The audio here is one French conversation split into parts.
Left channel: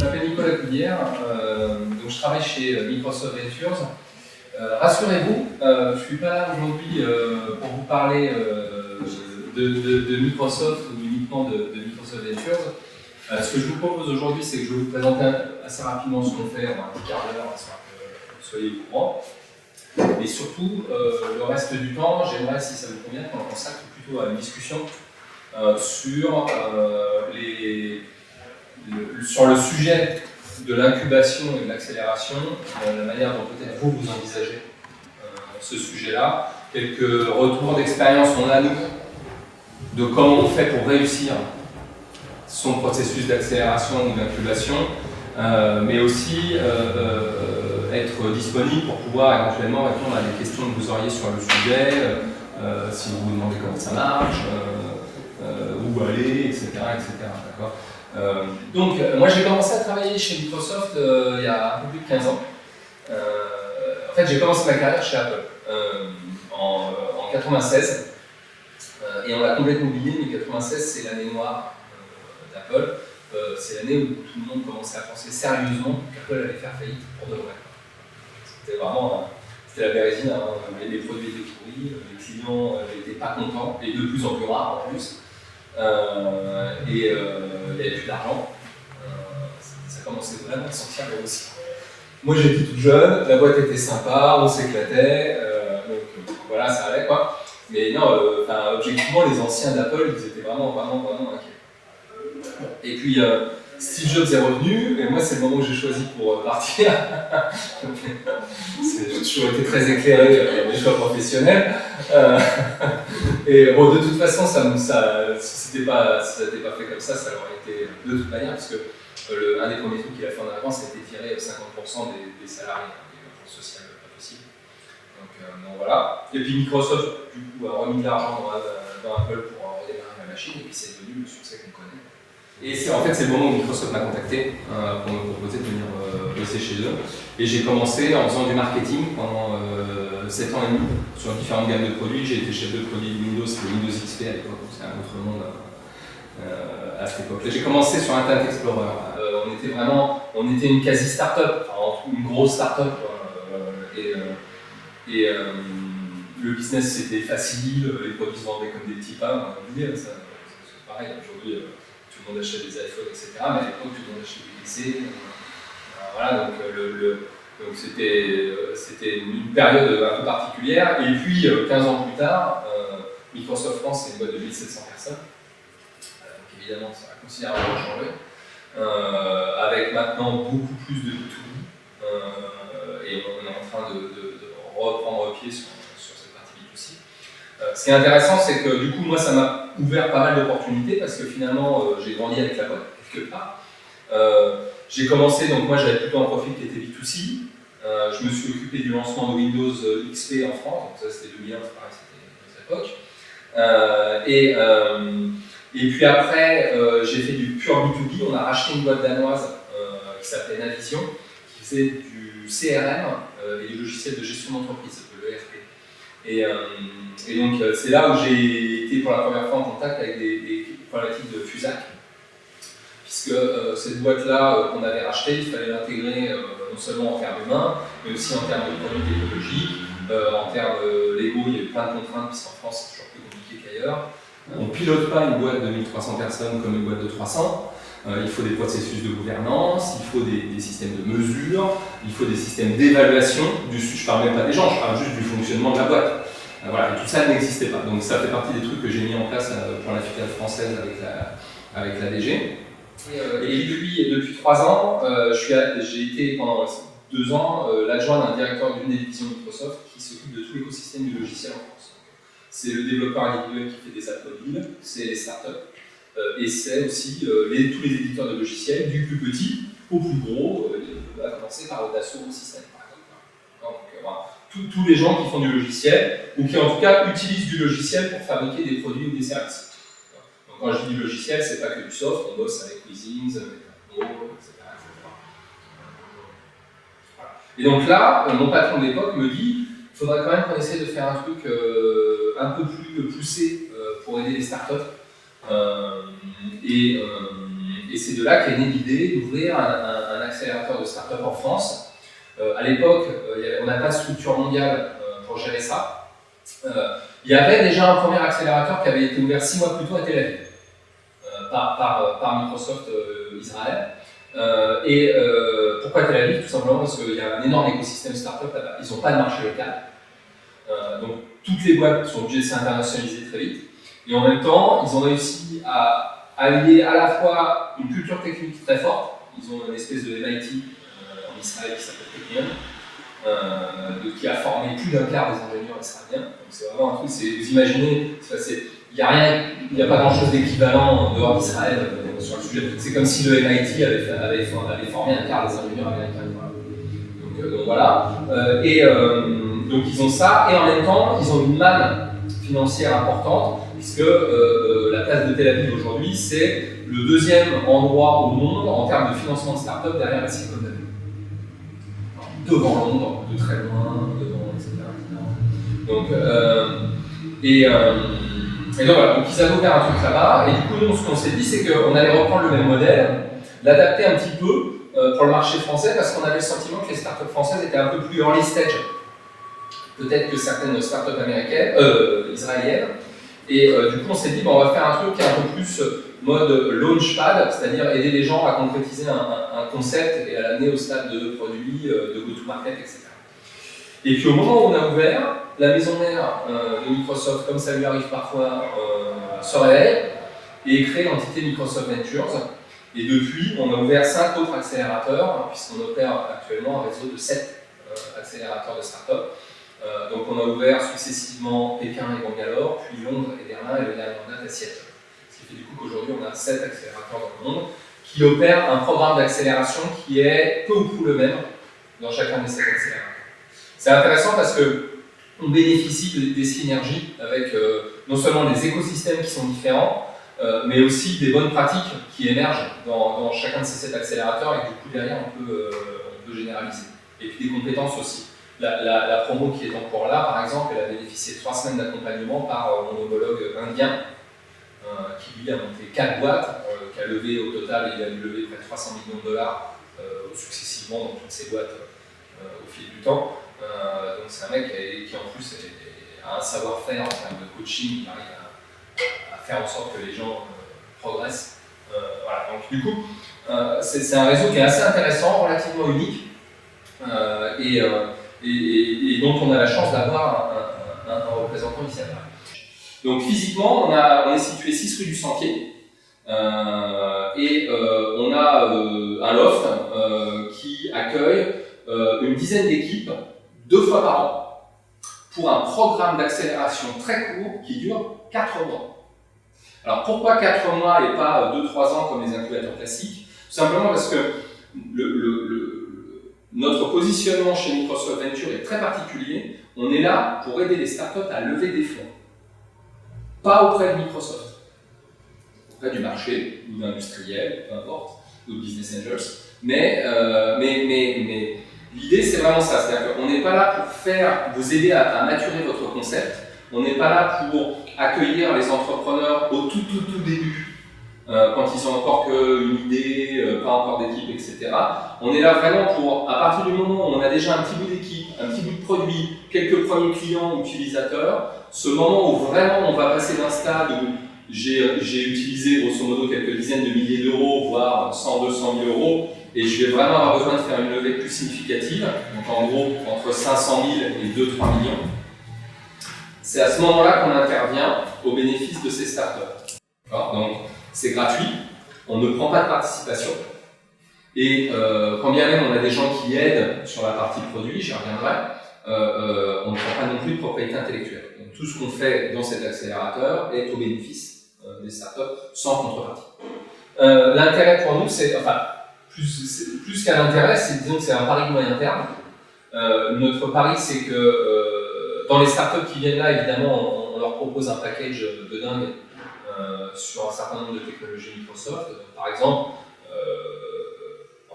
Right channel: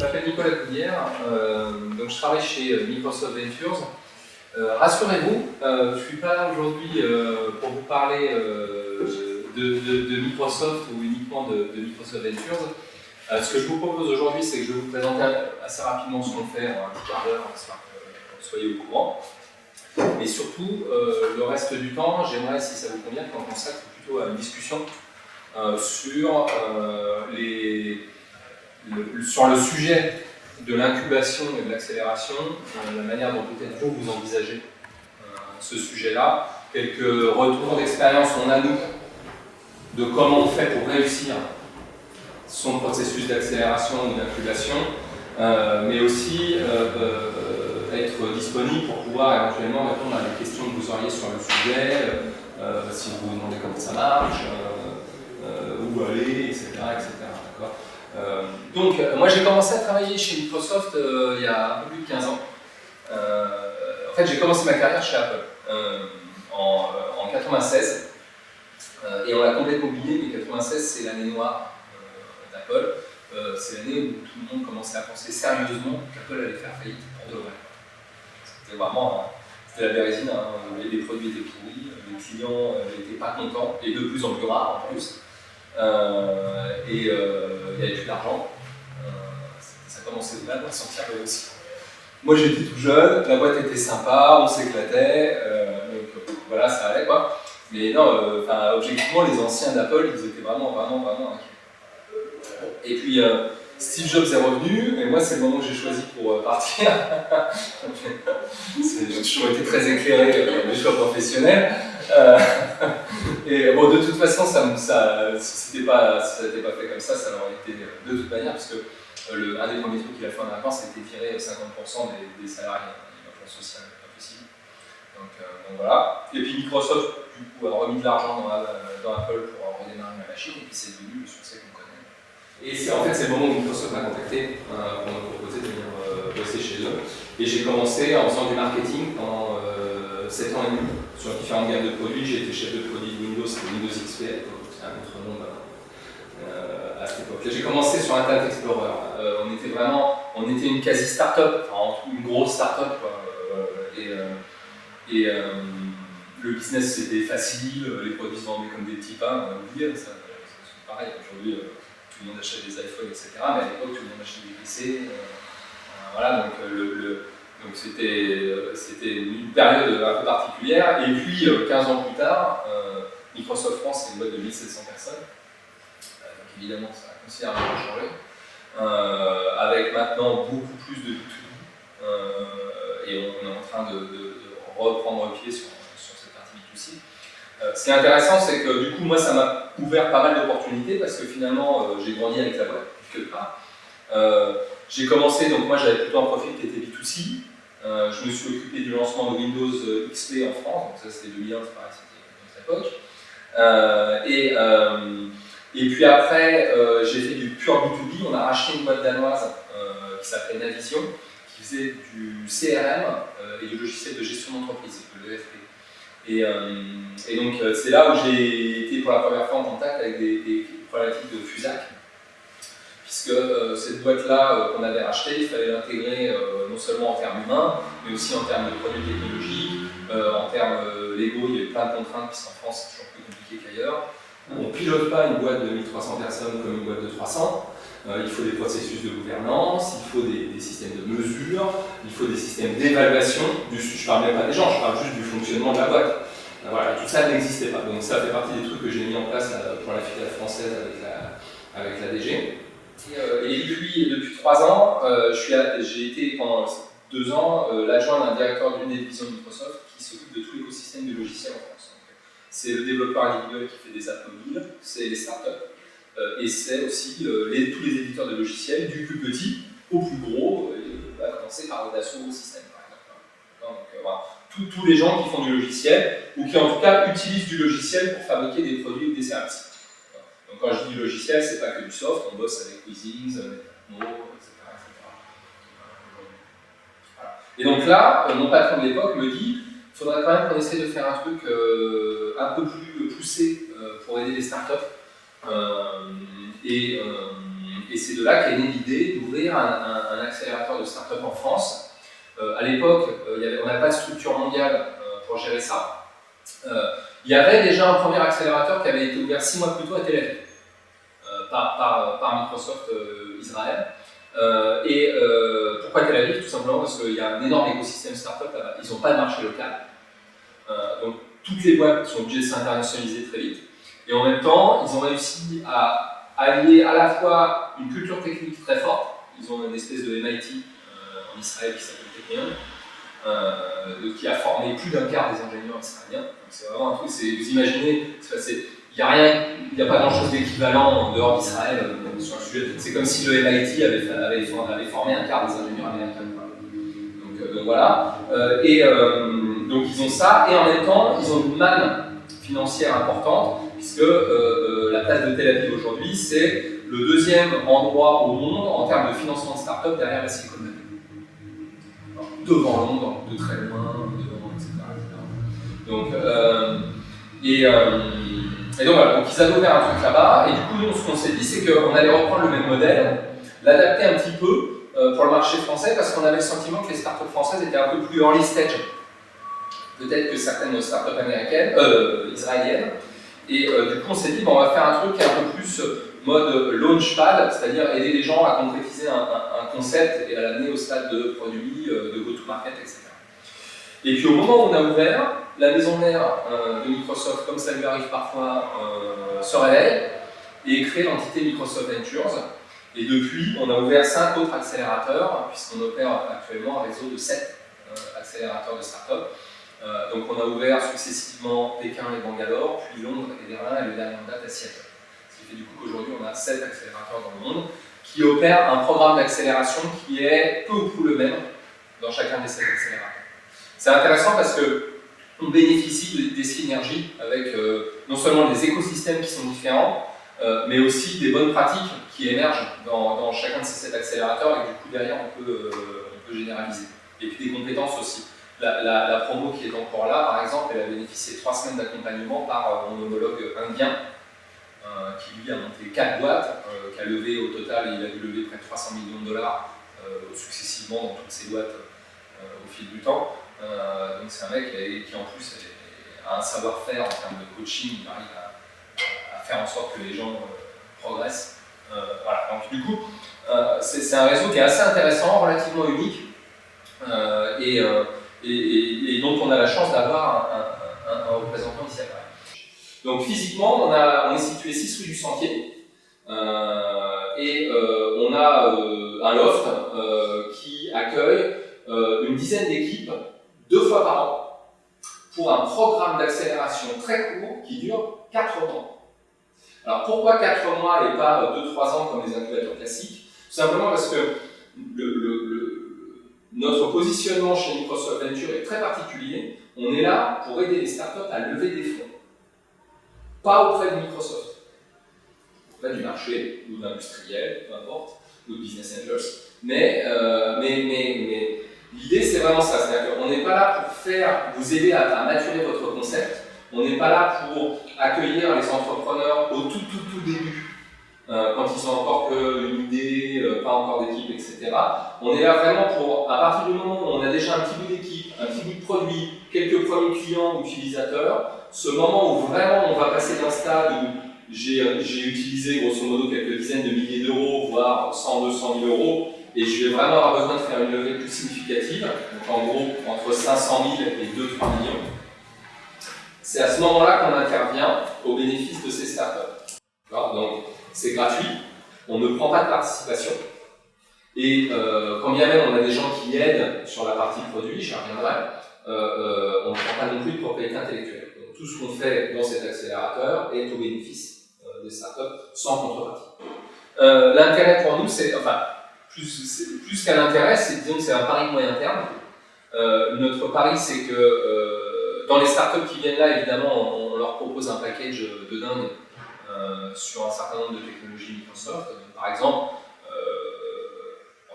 Je m'appelle Nicolas Coudière, donc je travaille chez Microsoft Ventures. Rassurez-vous, je ne suis pas là aujourd'hui pour vous parler de Microsoft ou uniquement de Microsoft Ventures. Ce que je vous propose aujourd'hui, c'est que je vais vous présenter assez rapidement ce qu'on fait en un petit quart d'heure, histoire que vous soyez au courant. Et surtout, le reste du temps, j'aimerais, si ça vous convient, qu'on consacre plutôt à une discussion sur le sujet de l'incubation et de l'accélération, la manière dont peut-être vous envisagez ce sujet-là, quelques retours d'expérience qu'on a nous, de comment on fait pour réussir son processus d'accélération ou d'incubation, mais aussi être disponible pour pouvoir éventuellement répondre à des questions que vous auriez sur le sujet, si vous vous demandez comment ça marche, où aller, etc. D'accord. Donc, moi j'ai commencé à travailler chez Microsoft il y a un peu plus de 15 ans. En fait, j'ai commencé ma carrière chez Apple en 96. Et on l'a complètement oublié, mais 96 c'est l'année noire d'Apple. C'est l'année où tout le monde commençait à penser sérieusement qu'Apple allait faire faillite pour de vrai. C'était vraiment, c'était la bérésine, hein. Les produits étaient pourris, les clients n'étaient pas contents, et de plus en plus rares en plus. Il n'y avait plus d'argent. Ça commençait vraiment à sortir le aussi. Moi j'étais tout jeune, la boîte était sympa, on s'éclatait, donc voilà, ça allait quoi. Mais non, objectivement, les anciens d'Apple, ils étaient vraiment inquiets. Et puis Steve Jobs est revenu, et moi c'est le moment que j'ai choisi pour partir. J'ai toujours été très éclairé dans mes choix professionnels. Et bon, de toute façon, si c'était pas fait comme ça l'aurait été de toute manière, parce que un des premiers trucs qu'il a fait en arrivant, c'était tirer 50% des salariés. Il y a eu un plan social pas possible. Donc voilà. Et puis Microsoft, du coup, a remis de l'argent dans Apple pour redémarrer la machine, et puis c'est devenu le succès qu'on connaît. Et c'est le moment où Microsoft m'a contacté pour me proposer de venir bosser chez eux. Et j'ai commencé en faisant du marketing pendant 7 ans et demi sur différentes gammes de produits. J'ai été chef de produit de Windows, c'était Windows XP à l'époque, donc c'est un autre monde à cette époque-là. J'ai commencé sur Internet Explorer. On était une quasi start-up, enfin une grosse start-up, le business c'était facile, les produits se vendaient comme des petits pains, on a oublié, c'est pareil, aujourd'hui tout le monde achète des iPhones, etc. Mais à l'époque tout le monde achetait des PC. Voilà, donc c'était une période un peu particulière. Et puis 15 ans plus tard, Microsoft France c'est une boîte de 1700 personnes. Donc évidemment ça a considérablement changé. Avec maintenant beaucoup plus de B2B. Et on est en train de reprendre pied sur cette partie B2C. Ce qui est intéressant, c'est que du coup, moi, ça m'a ouvert pas mal d'opportunités parce que finalement, j'ai grandi avec la boîte, quelque part. J'ai commencé, donc moi, j'avais plutôt un profil qui était B2C. Je me suis occupé du lancement de Windows XP en France, donc ça c'était 2001, c'est pareil, c'était notre époque. Et puis après, j'ai fait du pur B2B. On a racheté une boîte danoise qui s'appelait Navision, qui faisait du CRM et du logiciel de gestion d'entreprise, le ERP. Et donc c'est là où j'ai été pour la première fois en contact avec des problématiques de FUSAC, puisque cette boîte-là qu'on avait rachetée, il fallait l'intégrer non seulement en termes humains, mais aussi en termes de produits technologiques, en termes légaux, il y a eu plein de contraintes, puisqu'en France c'est toujours plus compliqué qu'ailleurs. On ne pilote pas une boîte de 1300 personnes comme une boîte de 300. Il faut des processus de gouvernance, il faut des systèmes de mesure, il faut des systèmes d'évaluation. Je ne parle même pas des gens, je parle juste du fonctionnement de la boîte. Voilà, et tout ça n'existait pas. Donc ça fait partie des trucs que j'ai mis en place pour la filiale française avec la DG. Et depuis 3 ans, j'ai été pendant 2 ans l'adjoint d'un directeur d'une des divisions de Microsoft qui s'occupe de tout l'écosystème du logiciel en France. C'est le développeur individuel qui fait des apps mobiles, c'est les startups. Et c'est aussi tous les éditeurs de logiciels, du plus petit au plus gros, à commencer par Dassault Systèmes par exemple. Donc, voilà. Tous les gens qui font du logiciel, ou qui en tout cas utilisent du logiciel pour fabriquer des produits ou des services. Donc quand je dis du logiciel, c'est pas que du soft, on bosse avec Weezings, Metatmo, etc. Voilà. Et donc là, mon patron de l'époque me dit, il faudrait quand même qu'on essaie de faire un truc un peu plus poussé pour aider les startups. Et c'est de là qu'est née l'idée d'ouvrir un accélérateur de start-up en France. À l'époque, on n'avait pas de structure mondiale pour gérer ça. Il y avait déjà un premier accélérateur qui avait été ouvert 6 mois plus tôt à Tel Aviv, par Microsoft Israël. Pourquoi Tel Aviv? Tout simplement parce qu'il y a un énorme écosystème start-up là-bas. Ils n'ont pas de marché local. Donc toutes les boîtes sont obligées de s'internationaliser très vite. Et en même temps, ils ont réussi à allier à la fois une culture technique très forte. Ils ont une espèce de MIT en Israël qui s'appelle Technion, qui a formé plus d'un quart des ingénieurs israéliens. Donc c'est vraiment un truc, vous imaginez, il n'y a pas grand-chose d'équivalent en dehors d'Israël sur le sujet. C'est comme si le MIT avait formé un quart des ingénieurs américains. Donc voilà. Donc ils ont ça, et en même temps, ils ont une manne financière importante, puisque la place de Tel Aviv aujourd'hui, c'est le deuxième endroit au monde en termes de financement de start-up derrière la Silicon Valley. Devant Londres, de très loin, devant, etc. Donc, donc voilà, donc ils avaient ouvert un truc là-bas, et du coup, nous, ce qu'on s'est dit, c'est qu'on allait reprendre le même modèle, l'adapter un petit peu pour le marché français, parce qu'on avait le sentiment que les startups françaises étaient un peu plus early stage, peut-être que certaines startups israéliennes. Et du coup, on s'est dit, on va faire un truc qui est un peu plus mode launchpad, c'est-à-dire aider les gens à concrétiser un concept et à l'amener au stade de produit, de go-to-market, etc. Et puis au moment où on a ouvert, la maison mère de Microsoft, comme ça lui arrive parfois, se réveille et crée l'entité Microsoft Ventures. Et depuis, on a ouvert 5 autres accélérateurs, puisqu'on opère actuellement un réseau de 7 accélérateurs de start-up. Donc on a ouvert successivement Pékin et Bangalore, puis Londres et Berlin, et le dernier en date à Seattle. Ce qui fait du coup qu'aujourd'hui on a 7 accélérateurs dans le monde qui opèrent un programme d'accélération qui est peu ou prou le même dans chacun des 7 accélérateurs. C'est intéressant parce qu'on bénéficie des synergies avec non seulement des écosystèmes qui sont différents, mais aussi des bonnes pratiques qui émergent dans chacun de ces 7 accélérateurs, et du coup derrière on peut généraliser. Et puis des compétences aussi. La promo qui est en cours là, par exemple, elle a bénéficié de 3 semaines d'accompagnement par mon homologue indien, qui lui a monté 4 boîtes, qui a levé au total, il a dû lever près de 300 millions de dollars successivement dans toutes ces boîtes au fil du temps. Donc c'est un mec qui en plus a un savoir-faire en termes de coaching, il arrive à faire en sorte que les gens progressent. Voilà. Donc du coup, c'est un réseau qui est assez intéressant, relativement unique, et dont on a la chance d'avoir un représentant ici à Paris. Donc physiquement, on est situé 6 rue du Sentier, et on a un loft qui accueille une dizaine d'équipes 2 fois par an pour un programme d'accélération très court qui dure 4 mois. Alors pourquoi 4 mois et pas 2-3 ans comme les incubateurs classiques? Tout simplement parce que notre positionnement chez Microsoft Venture est très particulier. On est là pour aider les startups à lever des fonds. Pas auprès de Microsoft, auprès du marché ou d'industriels, peu importe, ou de business angels. Mais l'idée, c'est vraiment ça. C'est-à-dire qu'on n'est pas là pour vous aider à maturer votre concept. On n'est pas là pour accueillir les entrepreneurs au tout début, quand ils ont encore qu'une idée, pas encore d'équipe, etc. On est là vraiment pour, à partir du moment où on a déjà un petit bout d'équipe, un petit bout de produit, quelques premiers clients ou utilisateurs, ce moment où vraiment on va passer d'un stade où j'ai utilisé grosso modo quelques dizaines de milliers d'euros, voire 100-200 000 euros, et je vais vraiment avoir besoin de faire une levée plus significative, donc en gros entre 500 000 et 2-3 millions. C'est à ce moment-là qu'on intervient au bénéfice de ces startups. Donc c'est gratuit, on ne prend pas de participation, et quand bien même on a des gens qui aident sur la partie produit, j'y reviendrai, on ne prend pas non plus de propriété intellectuelle. Donc tout ce qu'on fait dans cet accélérateur est au bénéfice des startups sans contrepartie. L'intérêt pour nous, c'est, enfin, plus qu'un intérêt, disons que c'est un pari de moyen terme. Notre pari, c'est que dans les startups qui viennent là, évidemment, on leur propose un package de dingue sur un certain nombre de technologies Microsoft. Donc, par exemple,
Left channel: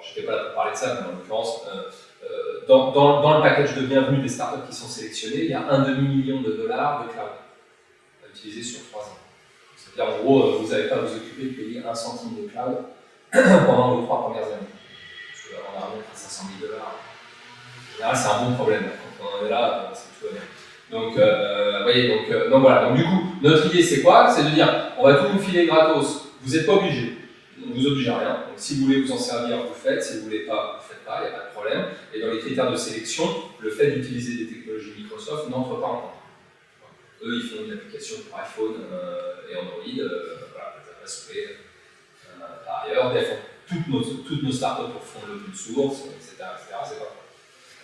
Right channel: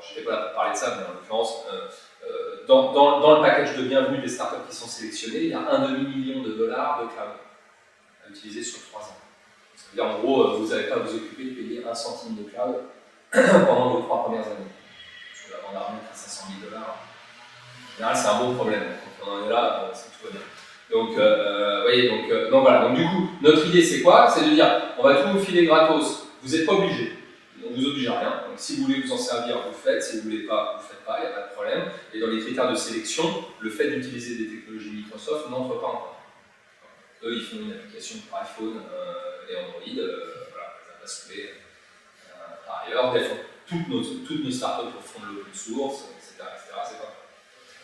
je n'étais pas là pour parler de ça, mais en l'occurrence, dans le package de bienvenue des startups qui sont sélectionnées, il y a $1,5 million de cloud à utiliser sur 3 ans. Ça veut dire en gros, vous n'avez pas à vous occuper de payer 1 centime de cloud pendant vos 3 premières années. Parce qu'on a remis à 500 000 $. En général, c'est un bon problème. Quand on en est là, c'est tout va bien. Donc, voyez, donc voilà. Donc, du coup, notre idée, c'est quoi? C'est de dire, on va tout vous filer gratos. Vous n'êtes pas obligé. On ne vous oblige à rien. Donc, si vous voulez vous en servir, vous faites. Si vous ne voulez pas, vous ne faites pas. Il n'y a pas de problème. Et dans les critères de sélection, le fait d'utiliser des technologies Microsoft n'entre pas en compte. Eux, ils font une application pour iPhone et Android. Voilà, ça va se faire. Par ailleurs, toutes nos startups font de l'open source, etc. C'est pas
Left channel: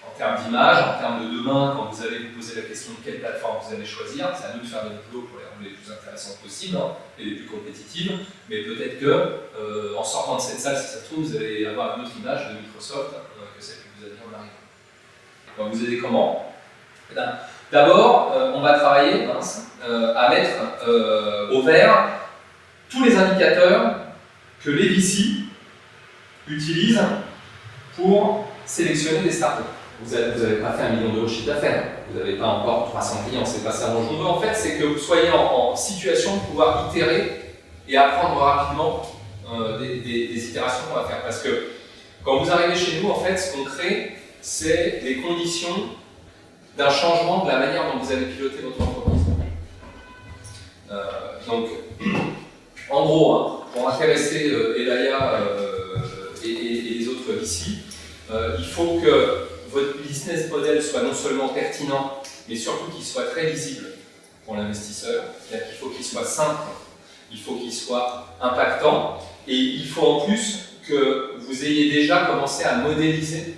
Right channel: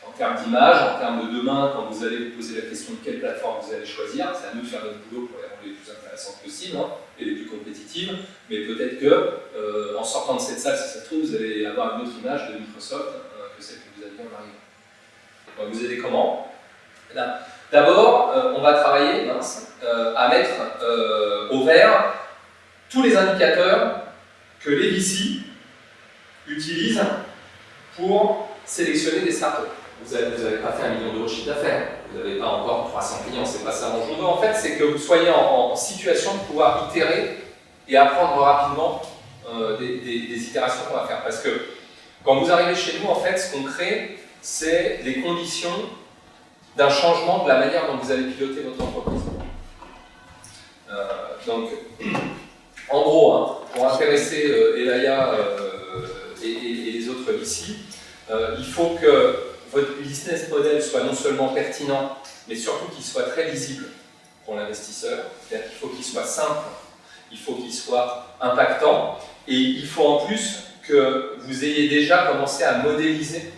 en termes d'image, en termes de demain, quand vous allez vous poser la question de quelle plateforme vous allez choisir, c'est à nous de faire notre boulot pour les rendre les plus intéressantes possibles et les plus compétitives. Mais peut-être que, en sortant de cette salle, si ça se trouve, vous allez avoir une autre image de Microsoft que celle que vous aviez en arrivant. On va vous aider comment? D'abord, on va travailler à mettre au vert tous les indicateurs que les VC utilisent pour sélectionner des startups. Vous n'avez pas fait 1 million € de chiffre d'affaires, vous n'avez pas encore 300 clients, c'est pas ça mon jour. En fait, c'est que vous soyez en situation de pouvoir itérer et apprendre rapidement des itérations qu'on va faire. Parce que quand vous arrivez chez nous, en fait, ce qu'on crée, c'est des conditions d'un changement de la manière dont vous allez piloter votre entreprise. Donc, en gros, pour intéresser Elaya et les autres ici, il faut que votre business model soit non seulement pertinent, mais surtout qu'il soit très lisible pour l'investisseur. C'est-à-dire qu'il faut qu'il soit simple, il faut qu'il soit impactant, et il faut en plus que vous ayez déjà commencé à modéliser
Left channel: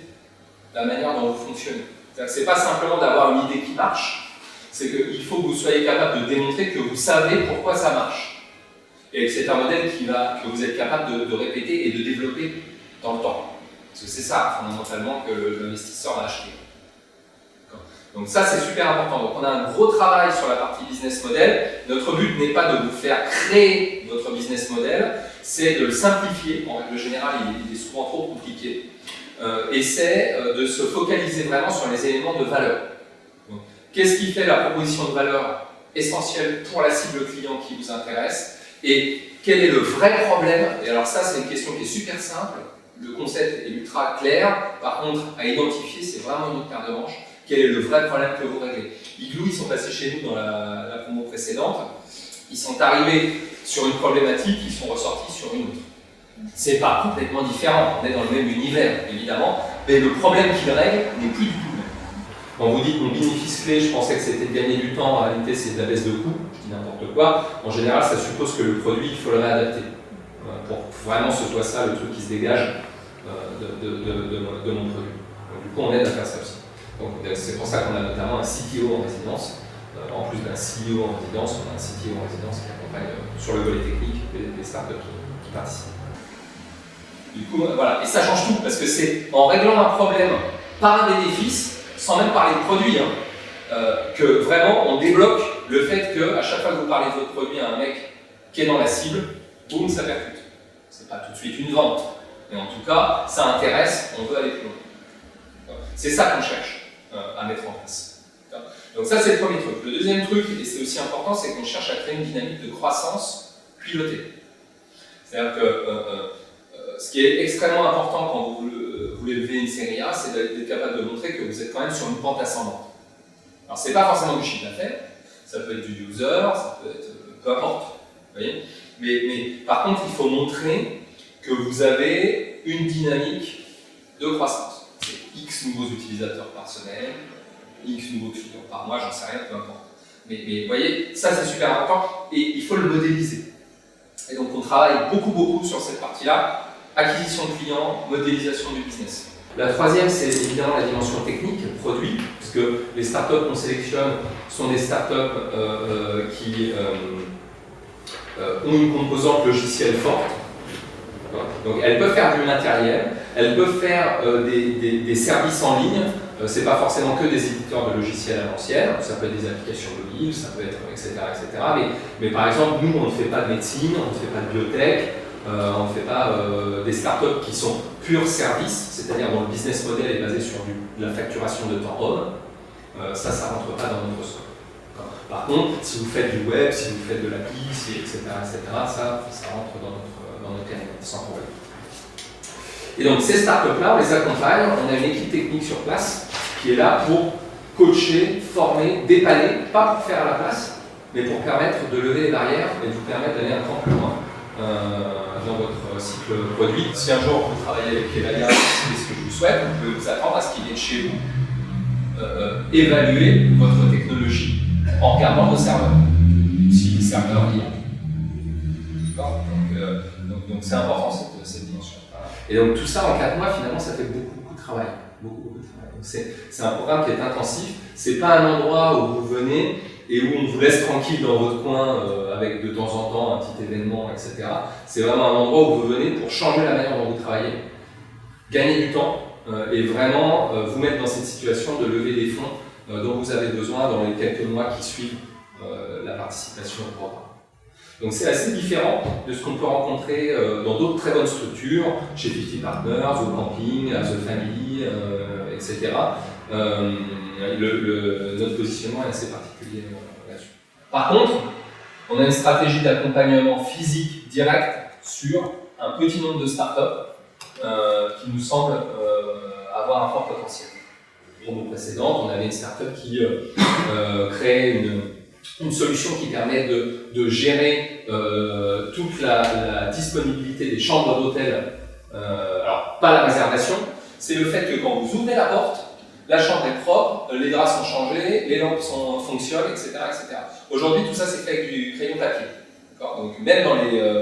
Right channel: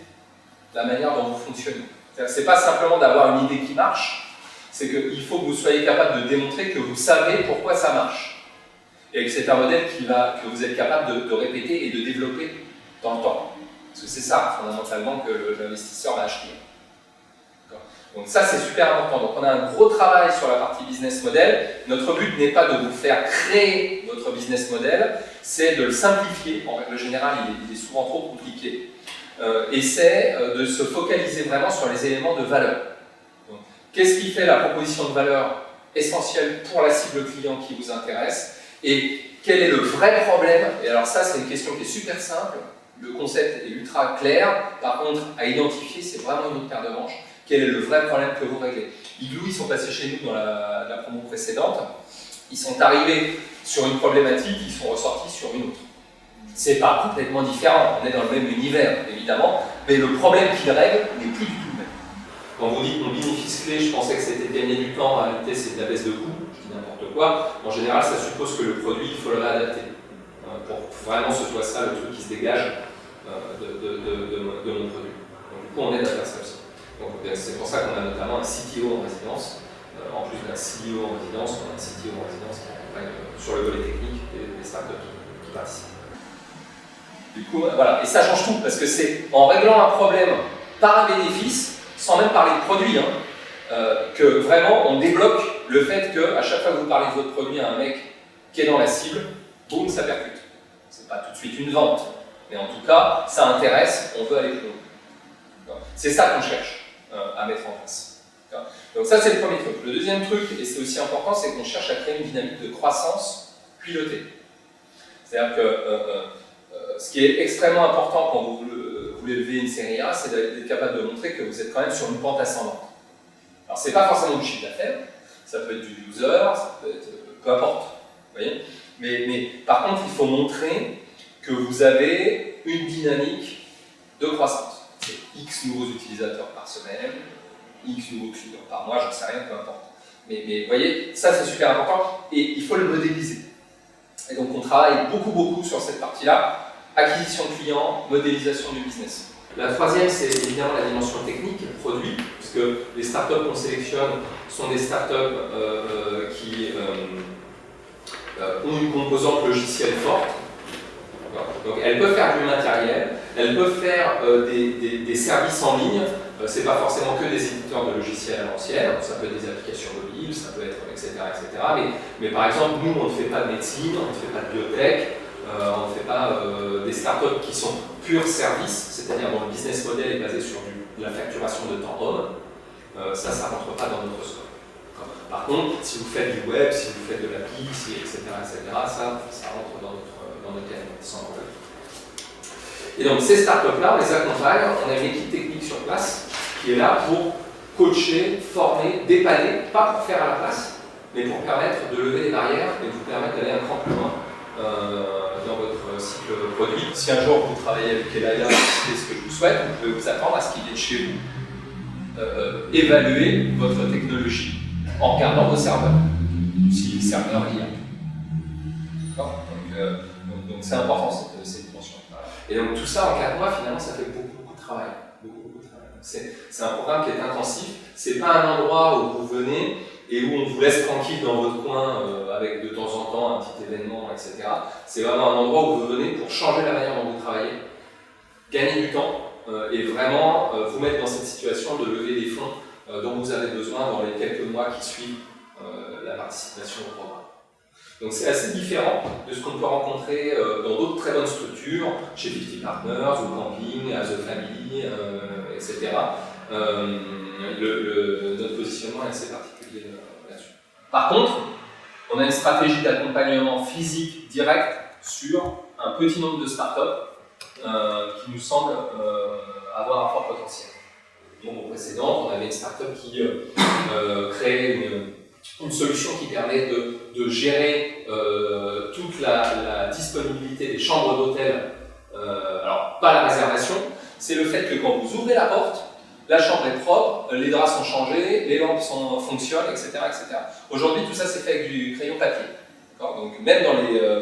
la manière dont vous fonctionnez. C'est-à-dire que ce n'est pas simplement d'avoir une idée qui marche, c'est qu'il faut que vous soyez capable de démontrer que vous savez pourquoi ça marche. Et que c'est un modèle que vous êtes capable de répéter et de développer dans le temps. Parce que c'est ça, fondamentalement, que l'investisseur va acheter. Donc ça, c'est super important. Donc on a un gros travail sur la partie business model. Notre but n'est pas de vous faire créer votre business model, c'est de le simplifier. En règle générale, il est souvent trop compliqué. Et c'est de se focaliser vraiment sur les éléments de valeur. Qu'est-ce qui fait la proposition de valeur essentielle pour la cible client qui vous intéresse? Et quel est le vrai problème? Et alors ça, c'est une question qui est super simple. Le concept est ultra clair. Par contre, à identifier, c'est vraiment une autre paire de manches. Quel est le vrai problème que vous réglez? Igloo, ils sont passés chez nous dans la promo précédente. Ils sont arrivés sur une problématique, ils sont ressortis sur une autre. C'est pas complètement différent. On est dans le même univers, évidemment. Mais le problème qu'ils règlent n'est plus du tout le même. Quand vous dites mon bénéfice clé, je pensais que c'était de gagner du temps, en réalité c'est de la baisse de coût, je dis n'importe quoi. En général, ça suppose que le produit, il faut le réadapter. Pour vraiment que ce soit ça le truc qui se dégage de mon produit. Donc, du coup, on aide à faire ça aussi. Donc, c'est pour ça qu'on a notamment un CTO en résidence. En plus d'un CEO en résidence, on a un CTO en résidence qui accompagne sur le volet technique les startups qui participent. Du coup, voilà. Et ça change tout, parce que c'est en réglant un problème par un bénéfice, sans même parler de produit, que vraiment on débloque le fait qu'à chaque fois que vous parlez de votre produit à un mec qui est dans la cible, boum, ça percute. C'est pas tout de suite une vente, mais en tout cas, ça intéresse, on veut aller plus loin. C'est ça qu'on cherche à mettre en place. Donc ça, c'est le premier truc. Le deuxième truc, et c'est aussi important, c'est qu'on cherche à créer une dynamique de croissance pilotée. C'est-à-dire que ce qui est extrêmement important quand vous voulez lever une série A, c'est d'être capable de montrer que vous êtes quand même sur une pente ascendante. Alors, c'est pas forcément du chiffre d'affaires, ça peut être du user, ça peut être peu importe. Vous voyez, mais par contre, il faut montrer que vous avez une dynamique de croissance. C'est X nouveaux utilisateurs par semaine, X nouveaux clients par mois, j'en sais rien, peu importe. Mais vous voyez, ça c'est super important et il faut le modéliser. Et donc on travaille beaucoup sur cette partie-là, acquisition de clients, modélisation du business. La troisième, c'est évidemment la dimension technique, produit, puisque les startups qu'on sélectionne sont des startups qui ont une composante logicielle forte. Donc elles peuvent faire du matériel, elles peuvent faire des services en ligne. C'est pas forcément que des éditeurs de logiciels à l'ancienne, ça peut être des applications mobiles, ça peut être etc. Mais par exemple, nous on ne fait pas de médecine, on ne fait pas de biotech, on ne fait pas des startups qui sont purs services, c'est-à-dire dont le business model est basé sur de la facturation de temps homme. Ça ne rentre pas dans notre scope. Par contre, si vous faites du web, si vous faites de l'appli, etc., ça rentre dans notre périmètre, sans problème. Et donc ces startups-là, on les accompagne, on a une équipe technique sur place qui est là pour coacher, former, dépanner, pas pour faire à la place, mais pour permettre de lever les barrières et de vous permettre d'aller un cran plus loin dans votre cycle produit. Si un jour vous travaillez avec Elaya, c'est ce que je vous souhaite, vous pouvez vous attendre à ce qu'il vienne chez vous évaluer votre technologie en regardant vos serveurs, si les serveurs y a. D'accord ? Donc c'est important cette dimension. Et donc tout ça en 4 mois, finalement, ça fait beaucoup de travail. Beaucoup de travail. Donc c'est un programme qui est intensif. C'est pas un endroit où vous venez et où on vous laisse tranquille dans votre coin avec de temps en temps un petit événement, etc. C'est vraiment un endroit où vous venez pour changer la manière dont vous travaillez, gagner du temps et vraiment vous mettre dans cette situation de lever des fonds dont vous avez besoin dans les quelques mois qui suivent la participation au programme. Donc c'est assez différent de ce qu'on peut rencontrer dans d'autres très bonnes structures, chez 50 Partners, au camping, à The Family, etc. Notre positionnement est assez particulier là-dessus. Par contre, on a une stratégie d'accompagnement physique direct sur un petit nombre de startups qui nous semblent avoir un fort potentiel. Au précédent, on avait une startup qui créait une solution qui permet de gérer toute la disponibilité des chambres d'hôtel. Alors, pas la réservation, c'est le fait que quand vous ouvrez la porte, la chambre est propre, les draps sont changés, les lampes fonctionnent, etc. etc. Aujourd'hui, tout ça, c'est fait avec du crayon papier. Donc, même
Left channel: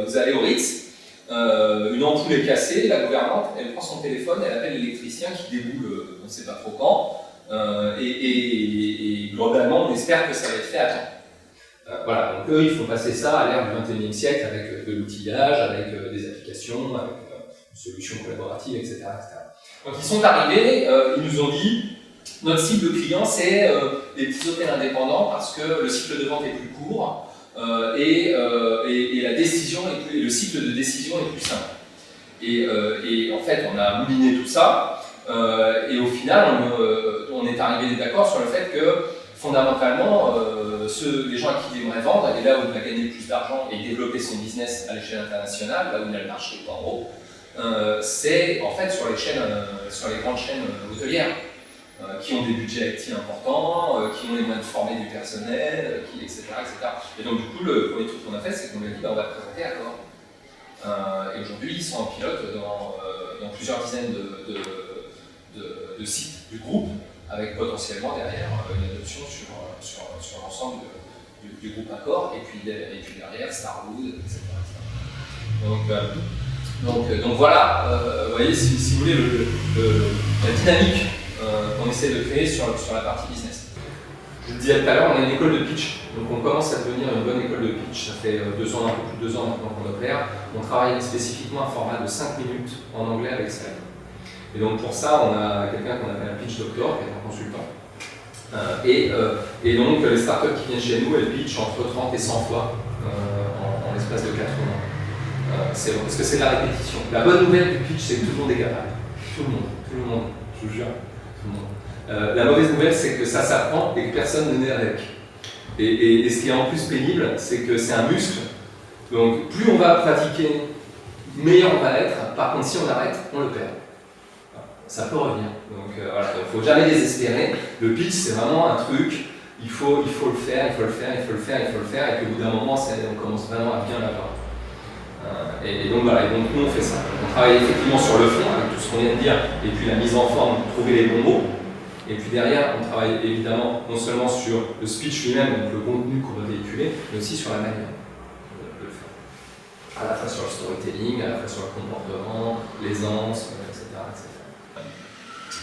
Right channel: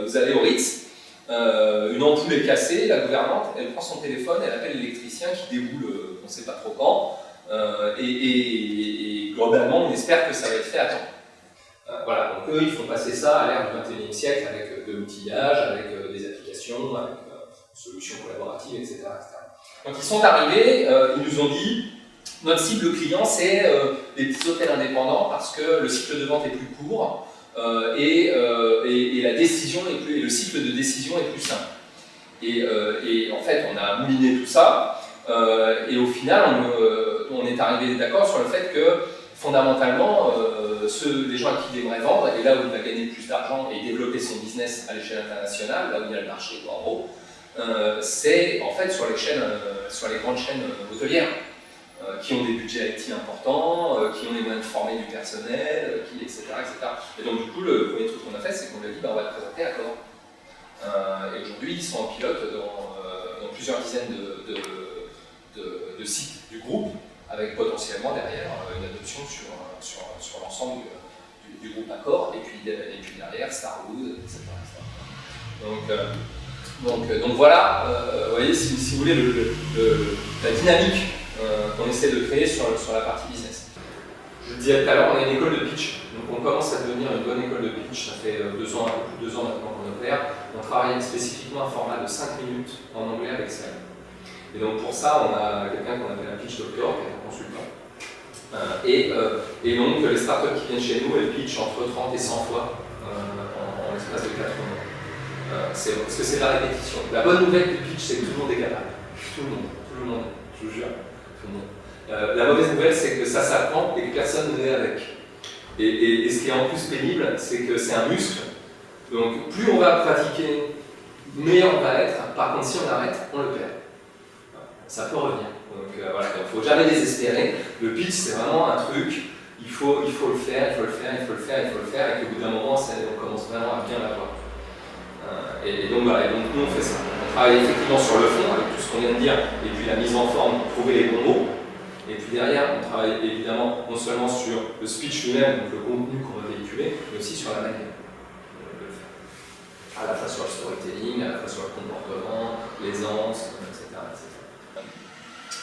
vous allez au Ritz, une ampoule est cassée, la gouvernante, elle prend son téléphone, elle appelle l'électricien qui déboule, on ne sait pas trop quand, et globalement, on espère que ça va être fait à temps. Voilà, donc eux, ils font passer ça à l'ère du 21e siècle avec de l'outillage, avec des applications, avec une solution collaborative, etc., etc. Donc ils sont arrivés, ils nous ont dit, notre cible client, c'est les petits hôtels indépendants parce que le cycle de vente est plus court et la décision le cycle de décision est plus simple. Et en fait, on a mouliné tout ça et au final, on est arrivé d'accord sur le fait que fondamentalement, les gens à qui il aimerait vendre, et là où il va gagner plus d'argent et développer son business à l'échelle internationale, là où il y a le marché, en gros, c'est en fait sur les grandes chaînes hôtelières qui ont des budgets IT importants, qui ont les moyens de former du personnel, etc., etc. Et donc du coup, le premier truc qu'on a fait, c'est qu'on lui a dit on va te présenter Accor. Et aujourd'hui, ils sont en pilote dans plusieurs dizaines de sites du groupe, avec potentiellement derrière une adoption sur l'ensemble du groupe Accor, et puis derrière Starwood, etc. Donc voilà, vous voyez, si vous voulez, la dynamique qu'on essaie de créer sur la partie business. Je le disais tout à l'heure, on a une école de pitch, donc on commence à devenir une bonne école de pitch, ça fait un peu plus de 2 ans maintenant qu'on opère. On travaille spécifiquement un format de 5 minutes en anglais avec Slide. Et donc pour ça, on a quelqu'un qu'on appelle un pitch doctor, qui est un consultant. Et donc les startups qui viennent chez nous, elles pitchent entre 30 et 100 fois en l'espace de 4 mois. Parce que c'est de la répétition. La bonne nouvelle du pitch, c'est que tout le monde est capable. Tout le monde, je vous jure, tout le monde. La mauvaise nouvelle, c'est que ça s'apprend et que personne ne naît avec. Et ce qui est en plus pénible, c'est que c'est un muscle. Donc plus on va pratiquer, meilleur on va l'être. Par contre, si on arrête, on le perd. Ça peut revenir. Donc voilà, il ne faut jamais désespérer. Le pitch, c'est vraiment un truc, il faut le faire, et qu'au bout d'un moment, on commence vraiment à bien l'avoir. Et donc voilà, donc nous on fait ça. On travaille effectivement sur le fond, avec tout ce qu'on vient de dire, et puis la mise en forme, trouver les bons mots. Et puis derrière, on travaille évidemment non seulement sur le speech lui-même, donc le contenu qu'on va véhiculer, mais aussi sur la manière de le faire. À la fois sur le storytelling, à la fois sur le comportement, l'aisance, etc.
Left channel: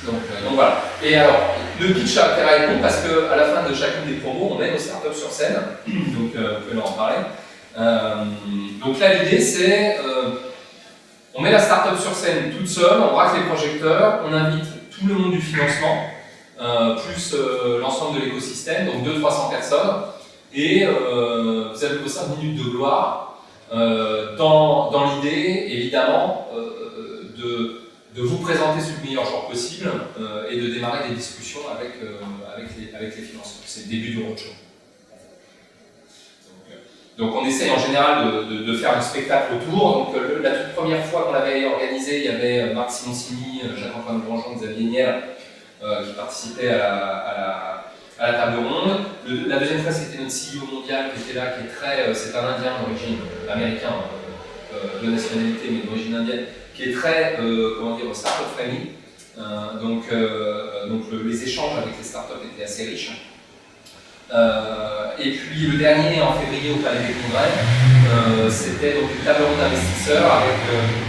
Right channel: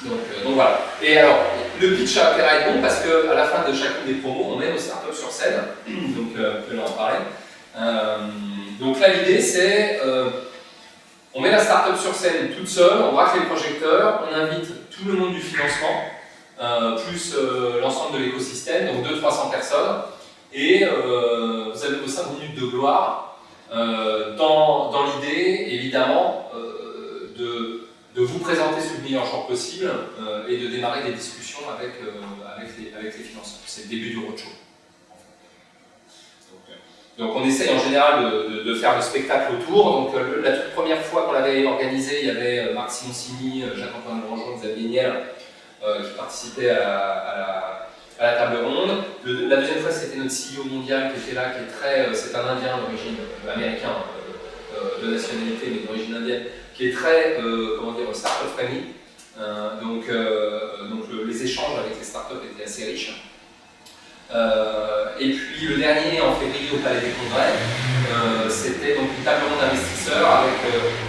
Donc voilà. Et alors, le pitch a intérêt à être bon parce qu'à la fin de chacune des promos, on met nos startups sur scène. Donc, vous pouvez leur en parler. Donc là, l'idée, c'est on met la startup sur scène toute seule, on braque les projecteurs, on invite tout le monde du financement, plus l'ensemble de l'écosystème, donc 200-300 personnes. Et vous avez vos 5 minutes de gloire dans l'idée, évidemment, de vous présenter sous le meilleur jour possible et de démarrer des discussions avec les financeurs. C'est le début du roadshow. Donc on essaye en général de faire le spectacle autour. Donc la toute première fois qu'on l'avait organisé, il y avait Marc Simoncini, Jacques-Antoine Grandjean, Xavier Niel qui participaient à la table ronde. La deuxième fois, c'était notre CEO mondial qui était là, c'est un Indien d'origine américain, de nationalité mais d'origine indienne, qui est très, start-up friendly. Donc les échanges avec les startups étaient assez riches. Et puis le dernier, en février, au Palais des Congrès, c'était donc une table ronde d'investisseurs avec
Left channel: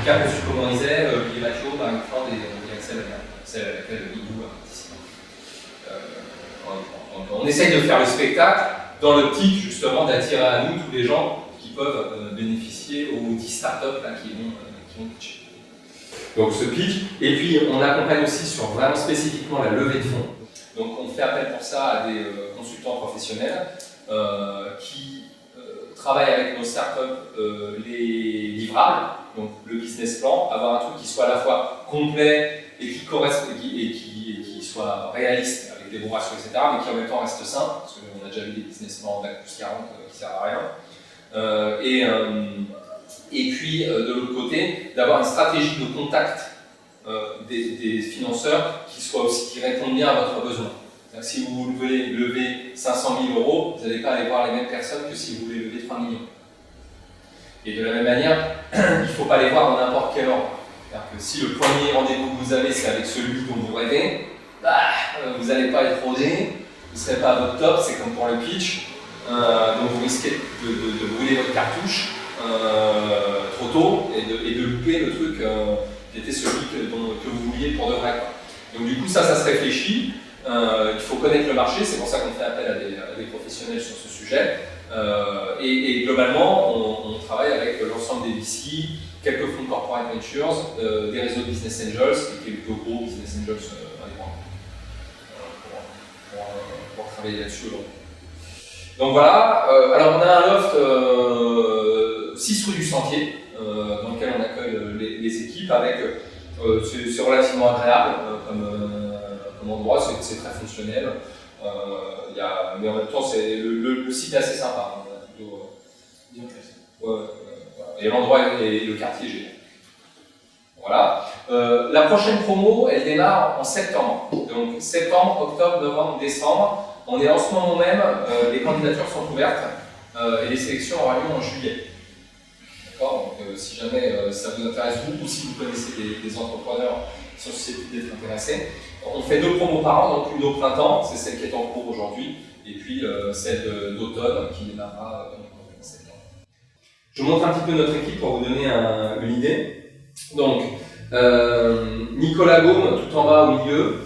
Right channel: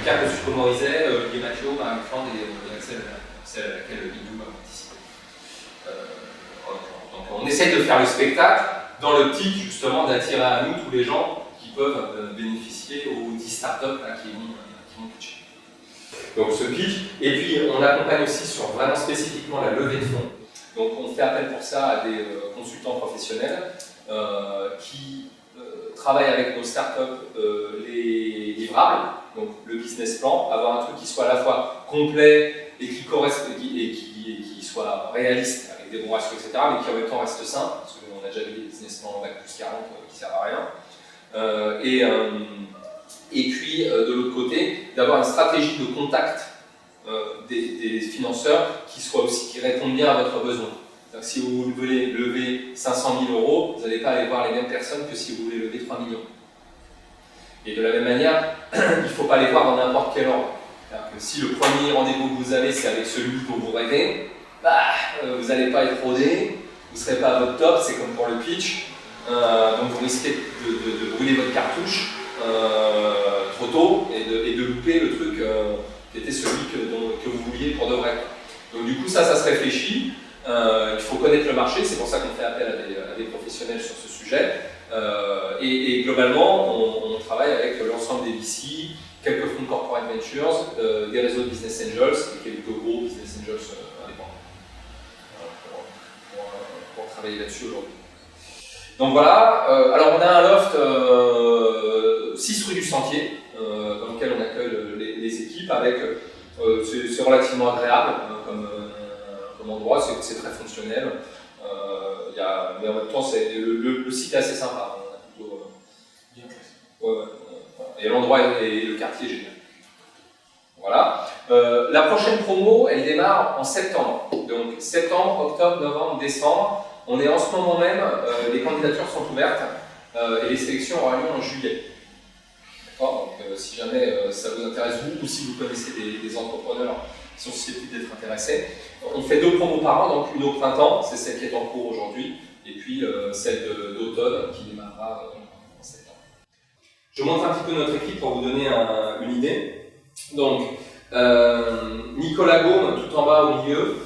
Carlos Ducomont-Rizet, Olivier Mathieu, Marie Fland et Axel Lemaitre, celle à laquelle Idou a participé. Donc on essaye de faire le spectacle dans l'optique justement d'attirer à nous tous les gens qui peuvent bénéficier aux 10 startups là, qui vont pitcher. Donc ce pitch, et puis on accompagne aussi sur vraiment spécifiquement la levée de fonds. Donc on fait appel pour ça à des consultants professionnels qui travaillent avec nos startups les livrables, donc le business plan, avoir un truc qui soit à la fois complet et qui soit réaliste avec des bons ratios, etc., mais qui en même temps reste sain, parce qu'on a déjà vu des business plans en bac plus 40 qui ne servent à rien. Et puis de l'autre côté, d'avoir une stratégie de contact des financeurs qui répondent bien à votre besoin. Donc, si vous voulez lever 500 000 €, vous n'allez pas aller voir les mêmes personnes que si vous voulez lever 3 millions. Et de la même manière, il ne faut pas les voir dans n'importe quel ordre. C'est-à-dire que si le premier rendez-vous que vous avez, c'est avec celui dont vous rêvez, vous n'allez pas être rodé, vous ne serez pas à votre top, c'est comme pour le pitch. Donc vous risquez de brûler votre cartouche trop tôt et de louper le truc qui était celui que vous vouliez pour de vrai. Donc du coup ça se réfléchit, il faut connaître le marché, c'est pour ça qu'on fait appel à des professionnels sur ce sujet. Et globalement on travaille avec l'ensemble des VC, quelques fonds de corporate ventures, des réseaux de business angels et quelques gros business angels indépendants pour travailler là-dessus aujourd'hui. Donc voilà, alors on a un loft 6 rue du Sentier dans lequel on accueille les équipes avec, c'est relativement agréable comme endroit, c'est très fonctionnel, mais en même temps le site est assez sympa, plutôt bien classé. Et l'endroit et le quartier est génial. Voilà. La prochaine promo, elle démarre en septembre. Donc septembre, octobre, novembre, décembre. On est en ce moment même, les candidatures sont ouvertes et les sélections auront lieu en juillet. D'accord. Donc si jamais ça vous intéresse vous ou si vous connaissez des entrepreneurs qui sont susceptibles d'être intéressés, on fait 2 promos par an, donc une au printemps, c'est celle qui est en cours aujourd'hui, et puis celle d'automne qui démarrera en septembre. Je montre un petit peu notre équipe pour vous donner une idée. Donc, Nicolas Gaume, tout en bas au milieu.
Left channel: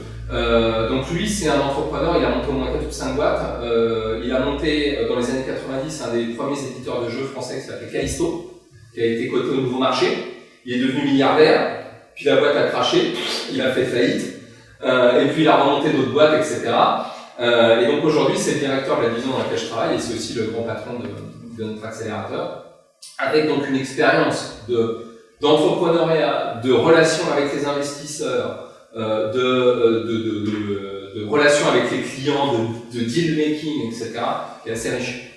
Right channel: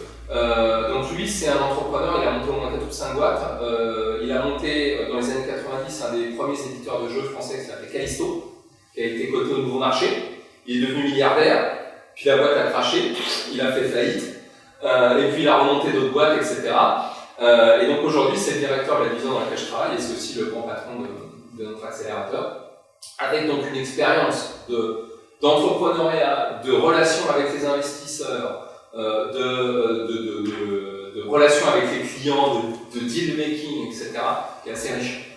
Donc lui, c'est un entrepreneur, il a monté au moins 4 ou 5 boîtes. Il a monté dans les années 90 un des premiers éditeurs de jeux français qui s'appelait Callisto, qui a été coté au Nouveau Marché. Il est devenu milliardaire, puis la boîte a craché, il a fait faillite, et puis il a remonté d'autres boîtes, etc. Et donc aujourd'hui, c'est le directeur de la division dans laquelle je travaille, et c'est aussi le grand patron de notre accélérateur, avec donc une expérience d'entrepreneuriat, de relations avec les investisseurs, de relations avec les clients, de deal making, etc., qui est assez riche.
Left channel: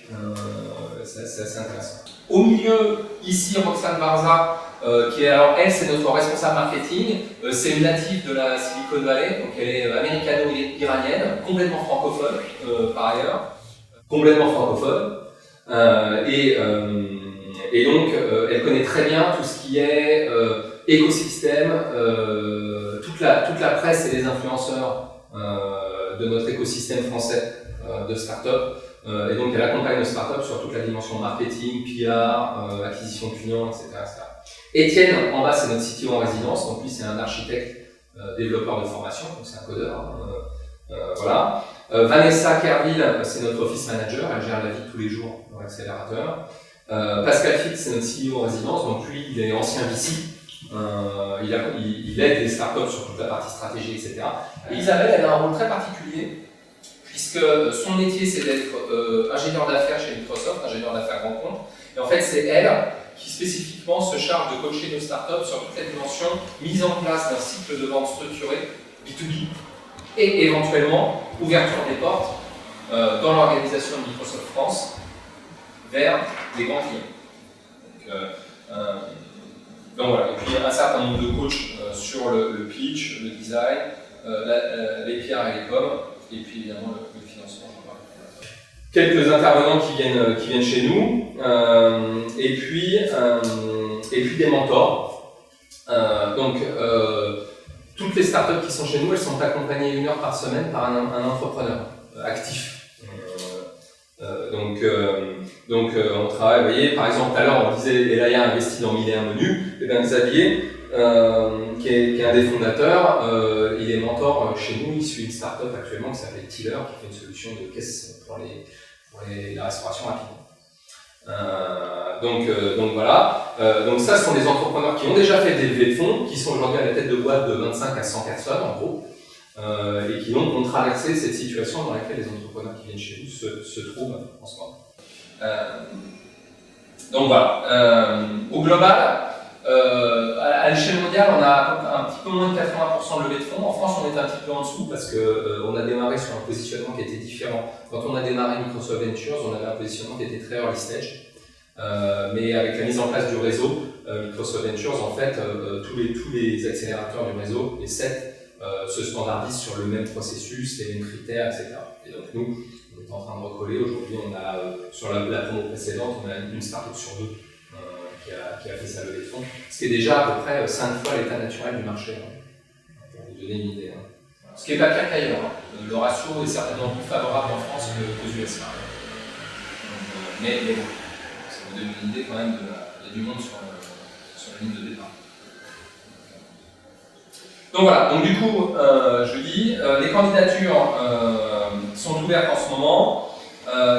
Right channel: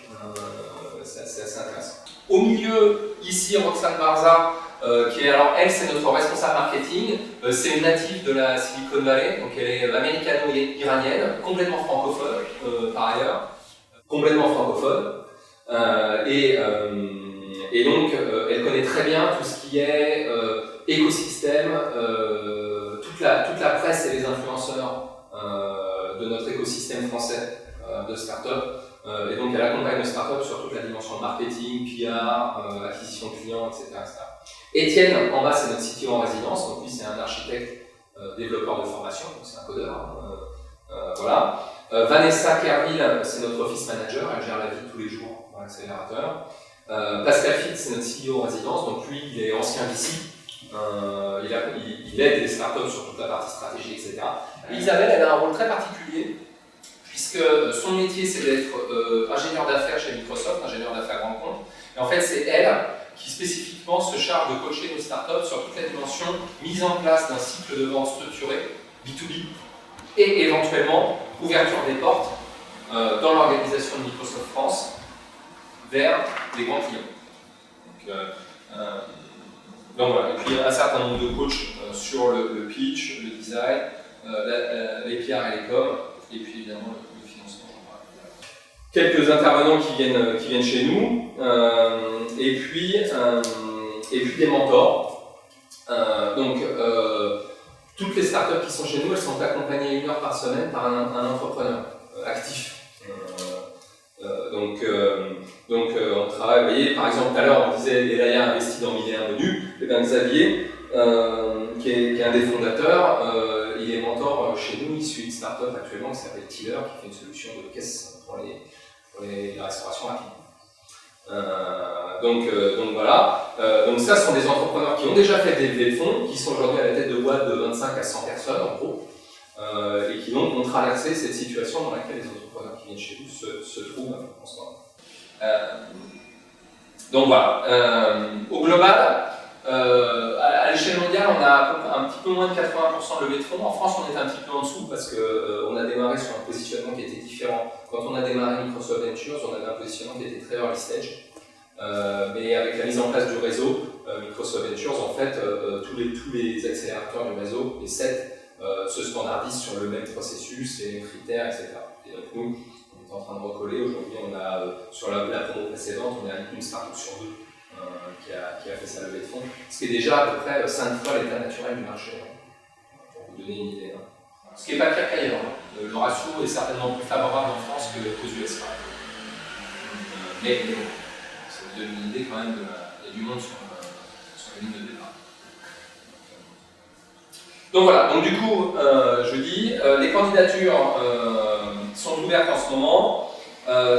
C'est assez intéressant. Au milieu, ici, Roxane Barza, qui est, alors elle, c'est notre responsable marketing. C'est une native de la Silicon Valley, donc elle est américano-iranienne, complètement francophone par ailleurs, complètement francophone. Et donc, elle connaît très bien tout ce qui est écosystème, toute la presse et les influenceurs de notre écosystème français de start-up. Et donc, elle accompagne nos start-up sur toute la dimension marketing, PR, acquisition de clients, etc. Étienne, en bas, c'est notre CTO en résidence. Donc, lui, c'est un architecte développeur de formation, donc c'est un codeur. Voilà. Vanessa Kerville, c'est notre office manager. Elle gère la vie tous les jours dans l'accélérateur. Pascal Fitz, c'est notre CEO en résidence, donc lui, il est ancien VC, il aide les startups sur toute la partie stratégie, etc. Et Isabelle, elle a un rôle très particulier, puisque son métier, c'est d'être ingénieur d'affaires chez Microsoft, ingénieur d'affaires grand compte, et en fait, c'est elle qui spécifiquement se charge de coacher nos startups sur toute la dimension mise en place d'un cycle de vente structuré, B2B, et éventuellement ouverture des portes dans l'organisation de Microsoft France, vers les grands clients. Donc voilà, et puis un certain nombre de coachs sur le pitch, le design, les PR et les com, et puis évidemment le financement. Quelques intervenants qui viennent chez nous, et puis des mentors. Toutes les startups qui sont chez nous, elles sont accompagnées 1 heure par semaine par un entrepreneur actif. On travaille, vous voyez, par exemple, tout à l'heure on disait Elaya a investi dans 1001 menus, et bien Xavier, qui est un des fondateurs, il est mentor chez nous, il suit une startup actuellement qui s'appelle Tiller, qui fait une solution de caisse pour la restauration rapide. Voilà. Donc ça, ce sont des entrepreneurs qui ont déjà fait des levées de fonds, qui sont aujourd'hui à la tête de boîtes de 25 à 100 personnes en gros, et qui donc ont traversé cette situation dans laquelle les entrepreneurs qui viennent chez nous se trouvent en ce moment. Donc voilà. Au global, à l'échelle mondiale, on a un petit peu moins de 80% de levée de fonds. En France, on est un petit peu en dessous parce qu'on a démarré sur un positionnement qui était différent. Quand on a démarré Microsoft Ventures, on avait un positionnement qui était très early stage. Mais avec la mise en place du réseau, Microsoft Ventures, en fait, tous les accélérateurs du réseau, les 7, se standardisent sur le même processus, les mêmes critères, etc. Et donc nous, on est en train de recoller. Aujourd'hui, on a, sur la promo précédente, on a une startup sur 2 qui a fait sa levée de fonds, ce qui est déjà à peu près 5 fois l'état naturel du marché, pour vous donner une idée. Ce qui n'est pas pire qu'ailleurs. Le ratio est certainement plus favorable en France qu'aux US. Mais bon, ça vous donne une idée quand même, il y a du monde sur la ligne de départ. Donc voilà, donc du coup, je dis, les candidatures sont ouvertes en ce moment.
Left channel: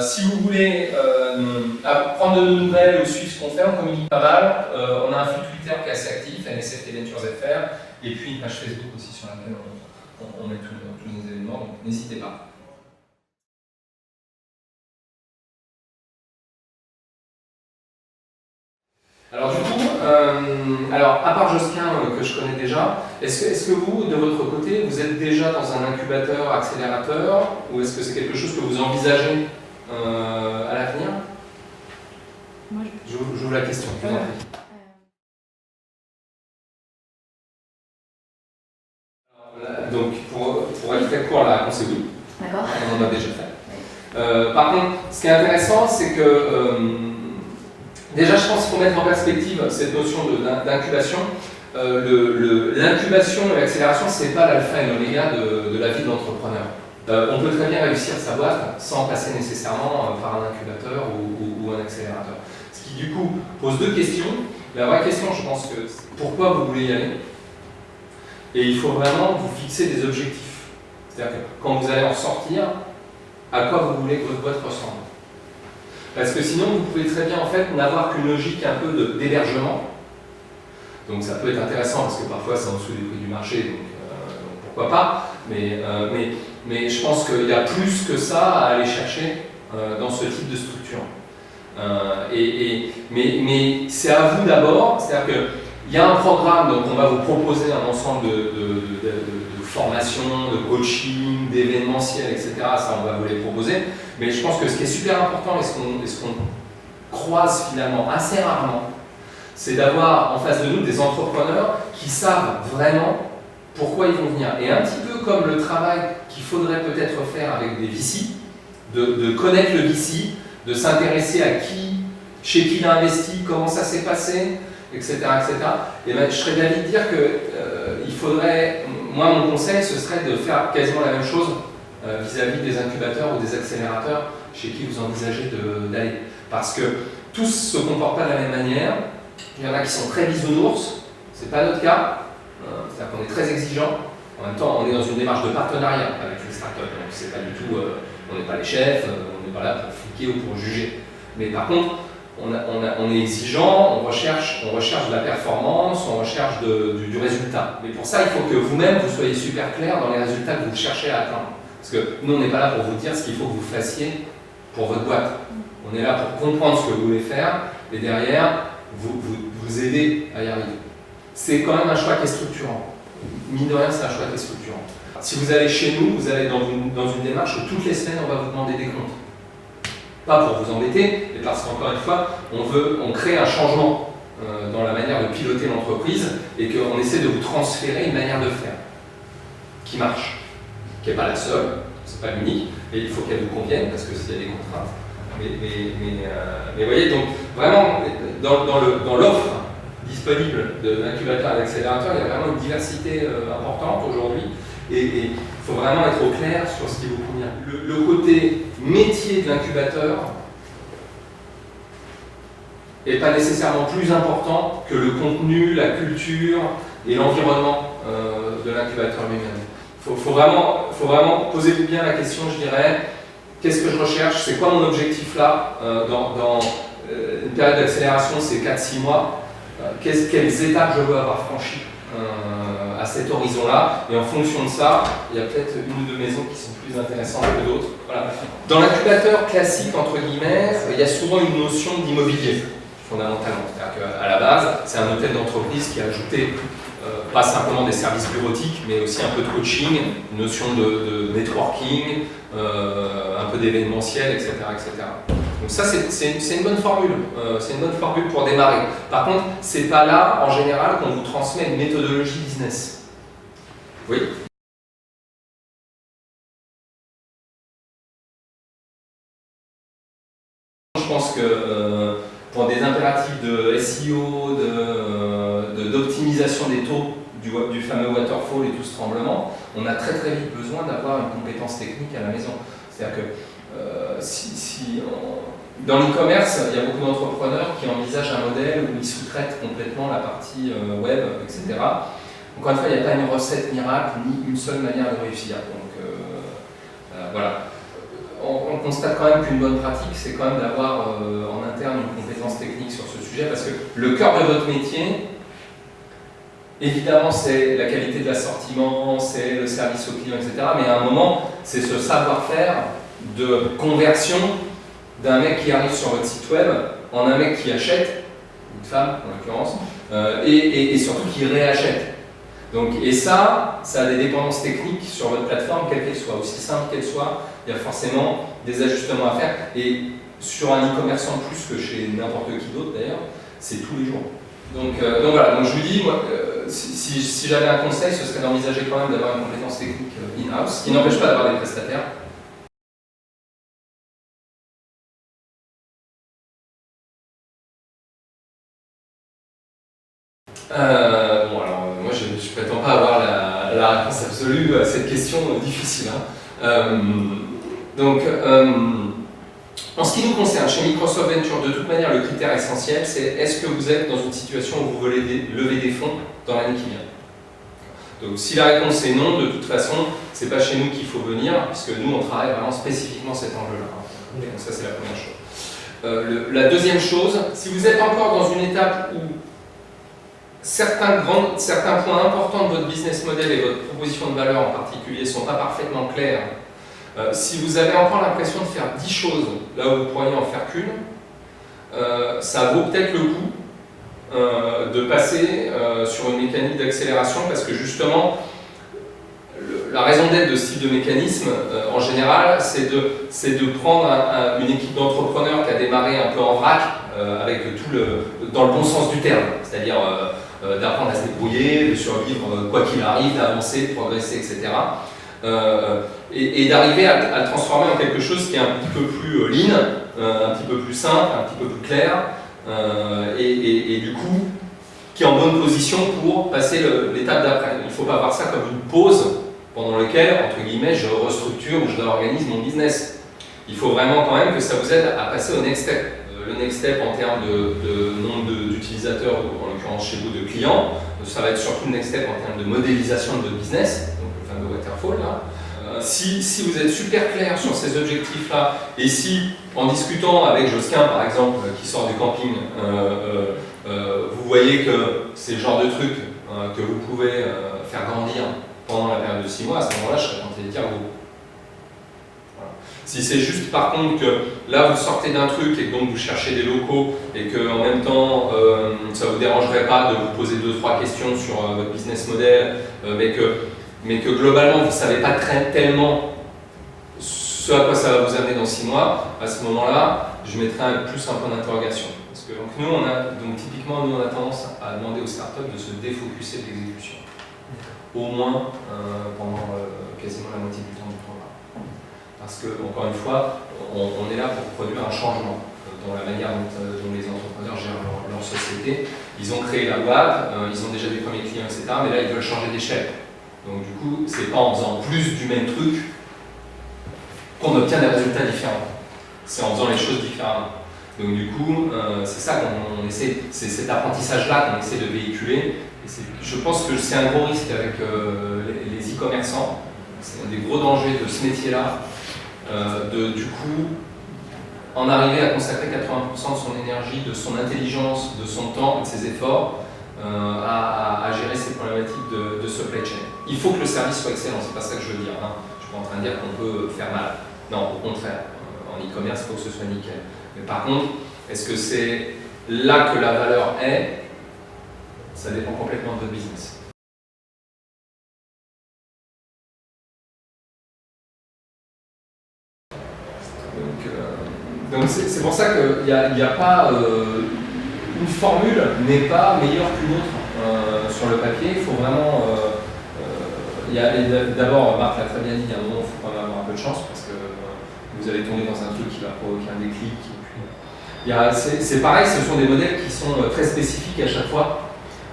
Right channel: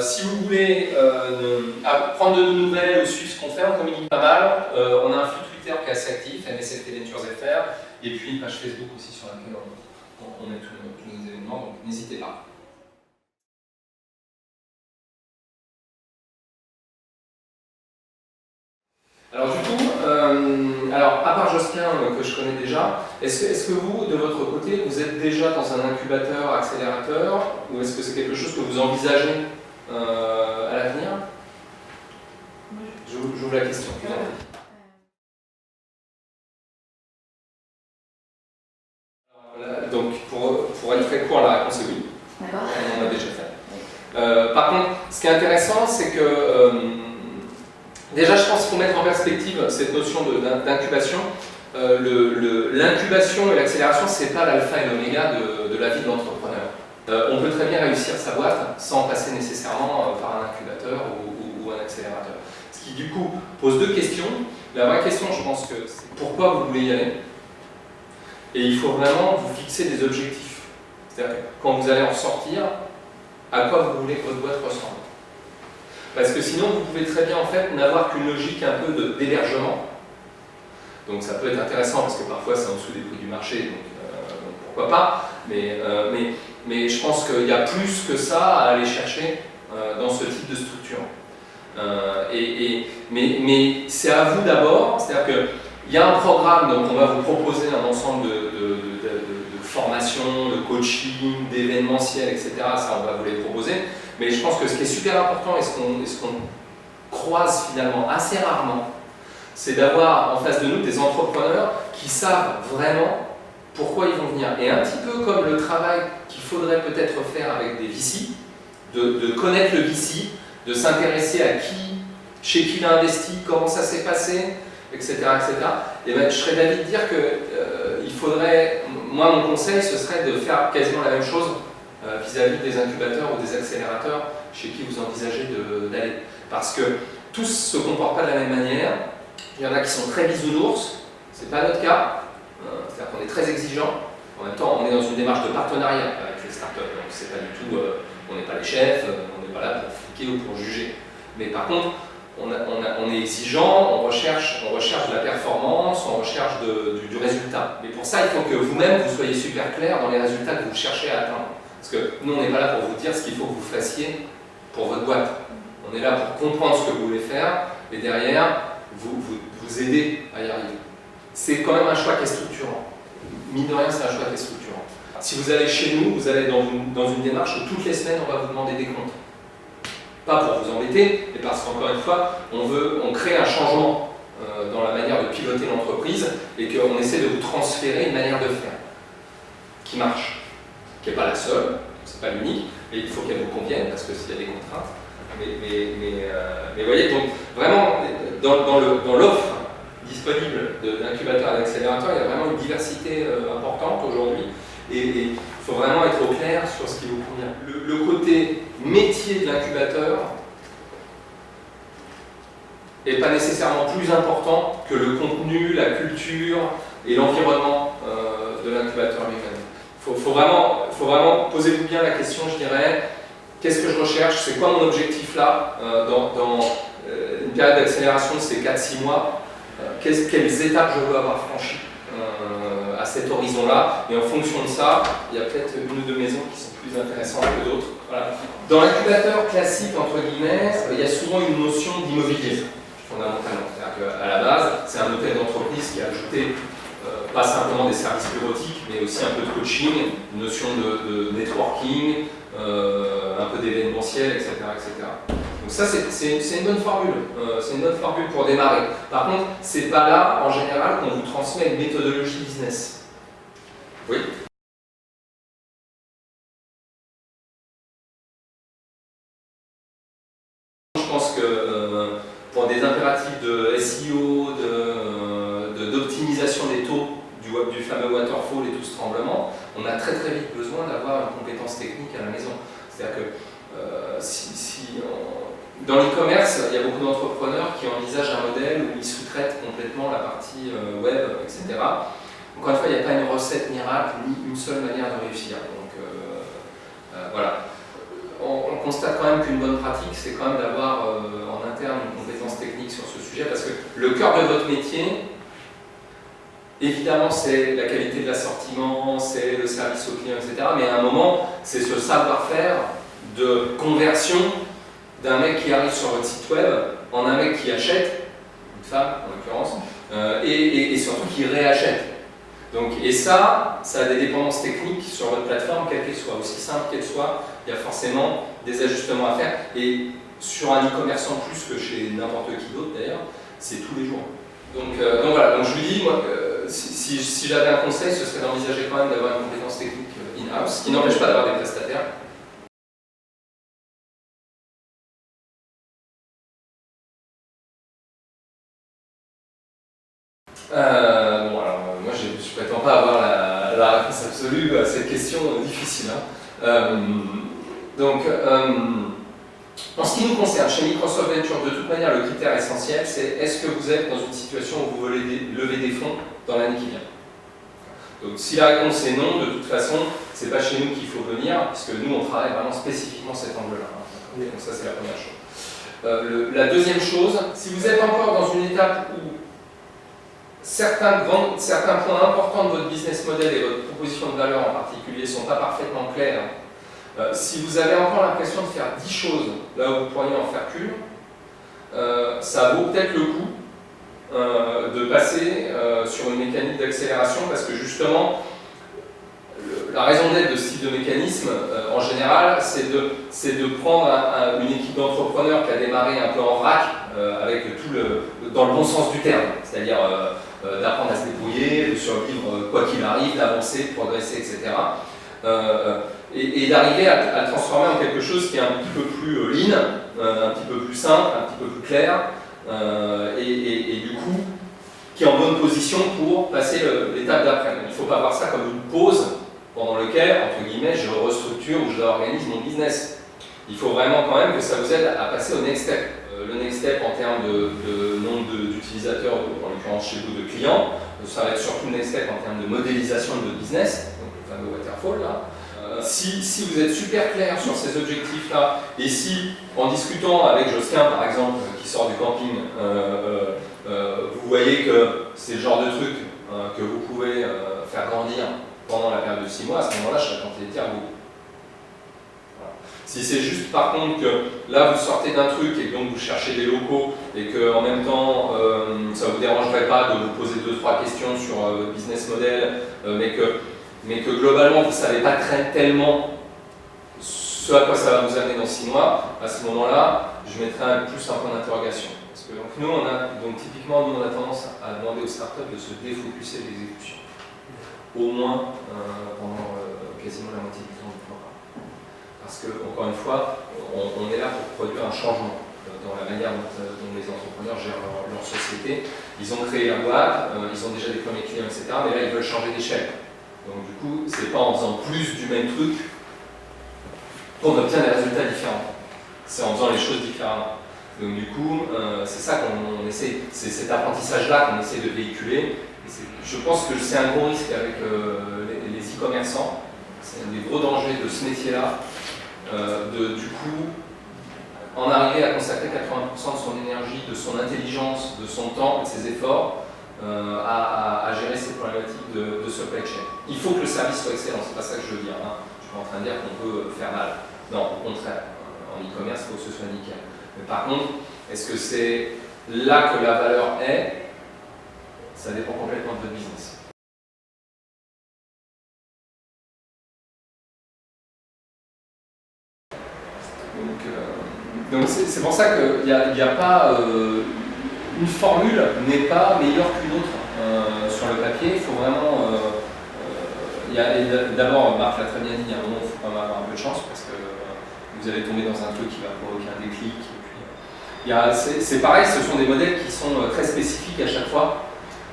Si vous voulez prendre de nos nouvelles ou suivre ce qu'on fait, on communique pas mal. On a un flux Twitter qui est assez actif, MSFT Ventures FR, et puis une page Facebook aussi sur laquelle on met tous nos événements, donc n'hésitez pas. Alors du coup, à part Josquin que je connais déjà, est-ce que vous, de votre côté, vous êtes déjà dans un incubateur, accélérateur, ou est-ce que c'est quelque chose que vous envisagez à l'avenir? J'ouvre la question, je vous en prie. Donc, pour être très court, la réponse est oui. D'accord. On en a déjà fait. Par contre, ce qui est intéressant, c'est que déjà, je pense qu'il faut mettre en perspective cette notion d'incubation. L'incubation et l'accélération, ce n'est pas l'alpha et l'oméga de la vie de l'entrepreneur. On peut très bien réussir sa boîte sans passer nécessairement par un incubateur ou un accélérateur. Ce qui, du coup, pose 2 questions. La vraie question, je pense que c'est pourquoi vous voulez y aller. Et il faut vraiment vous fixer des objectifs. C'est-à-dire que quand vous allez en sortir, à quoi vous voulez que votre boîte ressemble. Parce que sinon, vous pouvez très bien en fait n'avoir qu'une logique un peu d'hébergement. Donc ça peut être intéressant parce que parfois c'est en dessous des prix du marché, donc pourquoi pas. Mais je pense qu'il y a plus que ça à aller chercher dans ce type de structure. Mais c'est à vous d'abord, c'est-à-dire qu'il y a un programme, donc on va vous proposer un ensemble de formations, de coaching, d'événementiels, etc. Ça, on va vous les proposer. Mais je pense que ce qui est super important et ce qu'on croise finalement assez rarement, c'est d'avoir en face de nous des entrepreneurs qui savent vraiment pourquoi ils vont venir. Et un petit peu comme le travail qu'il faudrait peut-être faire avec des VC, de connaître le VC, de s'intéresser à chez qui il a investi, comment ça s'est passé, etc. Et ben, je serais d'avis de dire qu'il faudrait, moi mon conseil ce serait de faire quasiment la même chose vis-à-vis des incubateurs ou des accélérateurs chez qui vous envisagez d'aller. Parce que tous ne se comportent pas de la même manière. Il y en a qui sont très bisounours, ce n'est pas notre cas, c'est-à-dire qu'on est très exigeant. En même temps, on est dans une démarche de partenariat avec les startups, donc c'est pas du tout, on n'est pas les chefs, on n'est pas là pour fliquer ou pour juger. Mais par contre, on est exigeant, on recherche de la performance, on recherche du résultat. Mais pour ça, il faut que vous-même, vous soyez super clair dans les résultats que vous cherchez à atteindre. Parce que nous, on n'est pas là pour vous dire ce qu'il faut que vous fassiez pour votre boîte. On est là pour comprendre ce que vous voulez faire et derrière, vous aider à y arriver. C'est quand même un choix qui est structurant. Mine de rien, c'est un choix qui est structurant. Si vous allez chez nous, vous allez dans une démarche où toutes les semaines, on va vous demander des comptes. pas pour vous embêter, mais parce qu'encore une fois, on crée un changement dans la manière de piloter l'entreprise et qu'on essaie de vous transférer une manière de faire qui marche, qui n'est pas la seule, c'est pas l'unique, mais il faut qu'elle vous convienne parce que s'il y a des contraintes. Mais voyez, donc vraiment, dans l'offre disponible d'incubateurs et d'accélérateurs, il y a vraiment une diversité importante aujourd'hui et il faut vraiment être au clair sur ce qui vous convient. Le côté métier de l'incubateur n'est pas nécessairement plus important que le contenu, la culture et l'environnement de l'incubateur lui-même. Faut vraiment posez-vous bien la question, je dirais, qu'est-ce que je recherche, c'est quoi mon objectif là, dans une période d'accélération, c'est 4-6 mois, quelles étapes je veux avoir franchies à cet horizon-là, et en fonction de ça, il y a peut-être une ou deux maisons qui sont plus intéressantes que d'autres. Voilà. Dans l'incubateur classique, entre guillemets, il y a souvent une notion d'immobilier, fondamentalement. C'est-à-dire qu'à la base, c'est un hôtel d'entreprise qui a ajouté pas simplement des services bureautiques, mais aussi un peu de coaching, une notion de networking, un peu d'événementiel, etc., etc. Donc ça, c'est une bonne formule. C'est une bonne formule pour démarrer. Par contre, c'est pas là, en général, qu'on vous transmet une méthodologie business. Oui ? Je pense que pour des impératifs de SEO, d'optimisation des taux du fameux waterfall et tout ce tremblement, on a très très vite besoin d'avoir une compétence technique à la maison. C'est-à-dire que dans l'e-commerce, il y a beaucoup d'entrepreneurs qui envisagent un modèle où ils sous-traitent complètement la partie web, etc. Encore une fois, il n'y a pas une recette miracle ni une seule manière de réussir. Donc voilà. On constate quand même qu'une bonne pratique, c'est quand même d'avoir en interne une compétence technique sur ce sujet, parce que le cœur de votre métier, évidemment, c'est la qualité de l'assortiment, c'est le service au client, etc. Mais à un moment, c'est ce savoir-faire de conversion d'un mec qui arrive sur votre site web en un mec qui achète, une femme en l'occurrence, et surtout qui réachète. Donc, et ça a des dépendances techniques sur votre plateforme, quelle qu'elle soit, aussi simple qu'elle soit, il y a forcément des ajustements à faire. Et sur un e-commerçant plus que chez n'importe qui d'autre d'ailleurs, c'est tous les jours. Donc voilà, donc je vous dis, moi, si j'avais un conseil, ce serait d'envisager quand même d'avoir une compétence technique in-house, ce qui n'empêche pas d'avoir des prestataires. Bon, alors moi je ne prétends pas avoir la réponse absolue à cette question difficile. En ce qui nous concerne, chez Microsoft Venture, de toute manière, le critère essentiel, c'est est-ce que vous êtes dans une situation où vous voulez lever des fonds dans l'année qui vient. Donc si la réponse est non, de toute façon, c'est pas chez nous qu'il faut venir, puisque nous, on travaille vraiment spécifiquement cet enjeu-là. Donc ça, c'est la première chose. La deuxième chose, si vous êtes encore dans une étape où certains points importants de votre business model et votre proposition de valeur en particulier ne sont pas parfaitement clairs, si vous avez encore l'impression de faire 10 choses là où vous pourriez en faire qu'une, ça vaut peut-être le coup de passer sur une mécanique d'accélération, parce que justement, la raison d'être de ce type de mécanisme, en général, c'est de prendre une équipe d'entrepreneurs qui a démarré un peu en vrac, avec dans le bon sens du terme, c'est-à-dire d'apprendre à se débrouiller, de survivre quoi qu'il arrive, d'avancer, de progresser, etc. Et d'arriver à le transformer en quelque chose qui est un petit peu plus lean, un petit peu plus simple, un petit peu plus clair, et du coup, qui est en bonne position pour passer l'étape d'après. Il ne faut pas voir ça comme une pause pendant laquelle, entre guillemets, je restructure ou je réorganise mon business. Il faut vraiment quand même que ça vous aide à passer au next step. Le next step en termes de nombre d'utilisateurs, en l'occurrence chez vous de clients, ça va être surtout le next step en termes de modélisation de votre business, donc le fameux waterfall là. Si vous êtes super clair sur ces objectifs-là, et si, en discutant avec Josquin, par exemple, qui sort du camping, vous voyez que c'est le genre de truc que vous pouvez faire grandir pendant la période de 6 mois, à ce moment-là, je serais tenté de dire vous. Voilà. Si c'est juste, par contre, que là, vous sortez d'un truc et que donc vous cherchez des locaux et qu'en même temps, ça ne vous dérangerait pas de vous poser 2-3 questions sur votre business model, mais que globalement, vous ne savez pas tellement ce à quoi ça va vous amener dans 6 mois, à ce moment-là, je mettrais plus un point d'interrogation. Parce que donc, typiquement, nous, on a tendance à demander aux startups de se défocuser de l'exécution. Au moins pendant quasiment la moitié du temps du programme. Parce que, encore une fois, on est là pour produire un changement dans la manière dont les entrepreneurs gèrent leur société. Ils ont créé la boîte, ils ont déjà des premiers clients, etc. Mais là, ils veulent changer d'échelle. Donc du coup, c'est pas en faisant plus du même truc qu'on obtient des résultats différents. C'est en faisant les choses différemment. Donc du coup, c'est ça qu'on essaie, c'est cet apprentissage-là qu'on essaie de véhiculer. Et je pense que c'est un gros risque avec les e-commerçants. C'est un des gros dangers de ce métier-là, du coup, en arriver à consacrer 80% de son énergie, de son intelligence, de son temps, de ses efforts à gérer ces problématiques de supply chain. Il faut que le service soit excellent, c'est pas ça que je veux dire. Hein. Je suis pas en train de dire qu'on peut faire mal. Non, au contraire. En e-commerce, il faut que ce soit nickel. Mais par contre, est-ce que c'est là que la valeur est? Ça dépend complètement de votre business. Donc c'est pour ça qu'il n'y a pas une formule n'est pas meilleure qu'une autre sur le papier. Il faut vraiment d'abord, Marc l'a très bien dit, il y a un moment où il faut quand même avoir un peu de chance parce que vous allez tomber dans un truc qui va provoquer un déclic. C'est pareil, ce sont des modèles qui sont très spécifiques à chaque fois.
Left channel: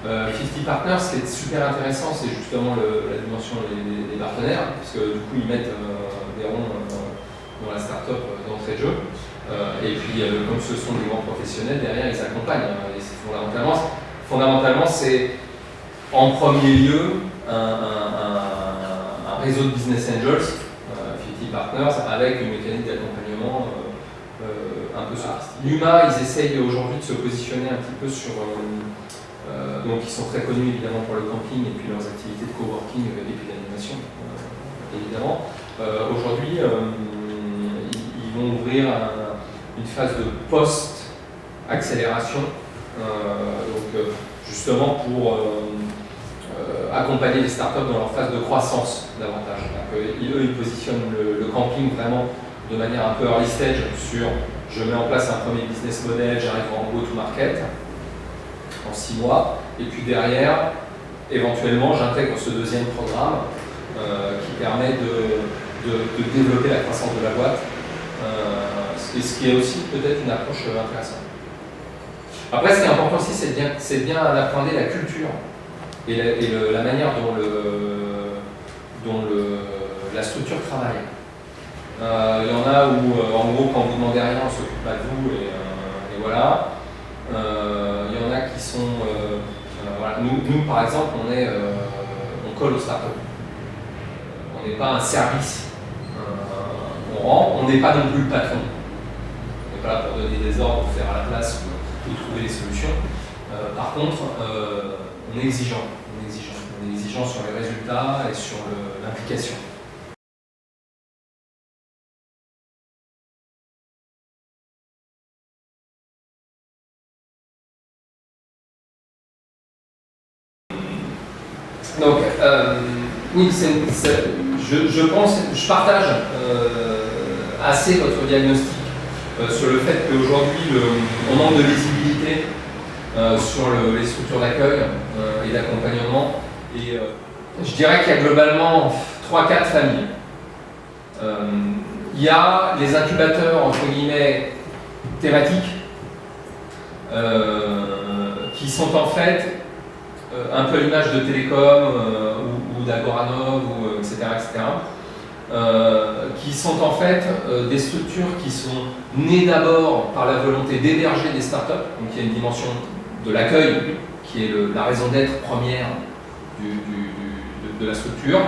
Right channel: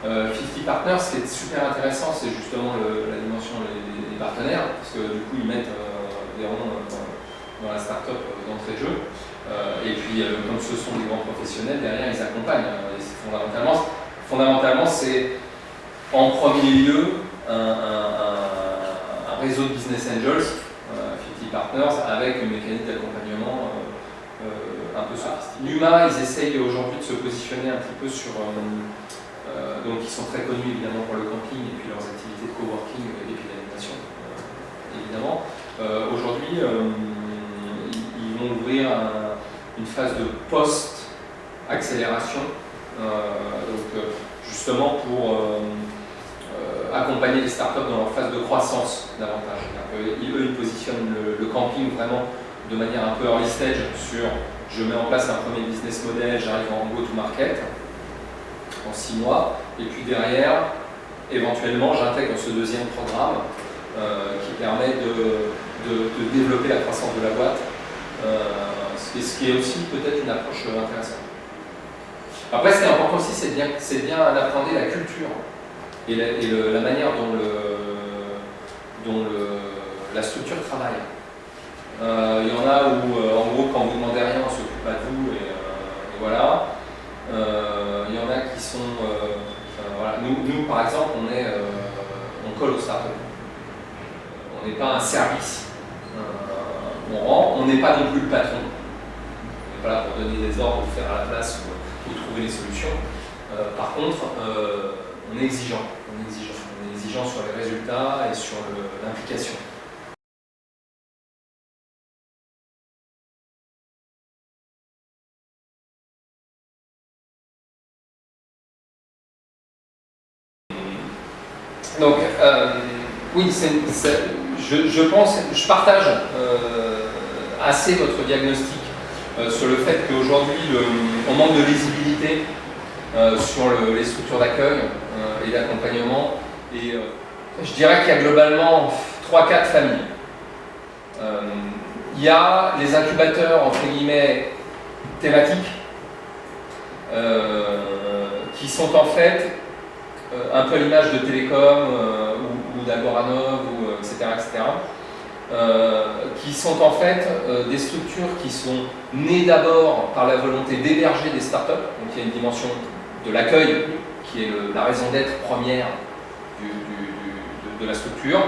50 Partners, ce qui est super intéressant, c'est justement la dimension des partenaires, parce que du coup ils mettent des ronds dans la start-up d'entrée de jeu. Et puis, comme ce sont des grands professionnels, derrière ils accompagnent. Et fondamentalement, c'est en premier lieu un réseau de business angels, 50 Partners, avec une mécanique d'accompagnement un peu sophistiquée. Numa, ils essayent aujourd'hui de se positionner un petit peu sur. Donc, ils sont très connus évidemment pour le camping et puis leurs activités de coworking et puis d'animation, évidemment. Aujourd'hui, ils vont ouvrir une phase de post-accélération, justement pour accompagner les startups dans leur phase de croissance davantage. Eux, ils positionnent le camping vraiment de manière un peu early stage sur je mets en place un premier business model, j'arrive en go-to-market en 6 mois, et puis derrière, éventuellement, j'intègre ce deuxième programme qui permet de développer la croissance de la boîte, ce qui est aussi peut-être une approche intéressante. Après, ce qui est important aussi, c'est bien appréhender la culture et la manière dont la structure travaille. Il y en a où, en gros, quand vous ne demandez rien, on ne s'occupe pas de vous, et voilà. Il y en a qui sont... voilà. Nous, par exemple, on colle aux startups. On n'est pas un service. On rend, on n'est pas non plus le patron. On n'est pas là pour donner des ordres, faire à la place ou trouver les solutions. Par contre, on est exigeant. On est exigeant sur les résultats et sur l'implication. Donc, oui, je partage assez votre diagnostic sur le fait qu'aujourd'hui, on manque de visibilité sur les structures d'accueil et d'accompagnement. Et je dirais qu'il y a globalement 3-4 familles. Il y a les incubateurs, entre guillemets, thématiques, qui sont en fait un peu à l'image de Télécom ou d'Agoranov, etc., qui sont en fait des structures qui sont nées d'abord par la volonté d'héberger des startups, donc il y a une dimension de l'accueil qui est la raison d'être première de la structure,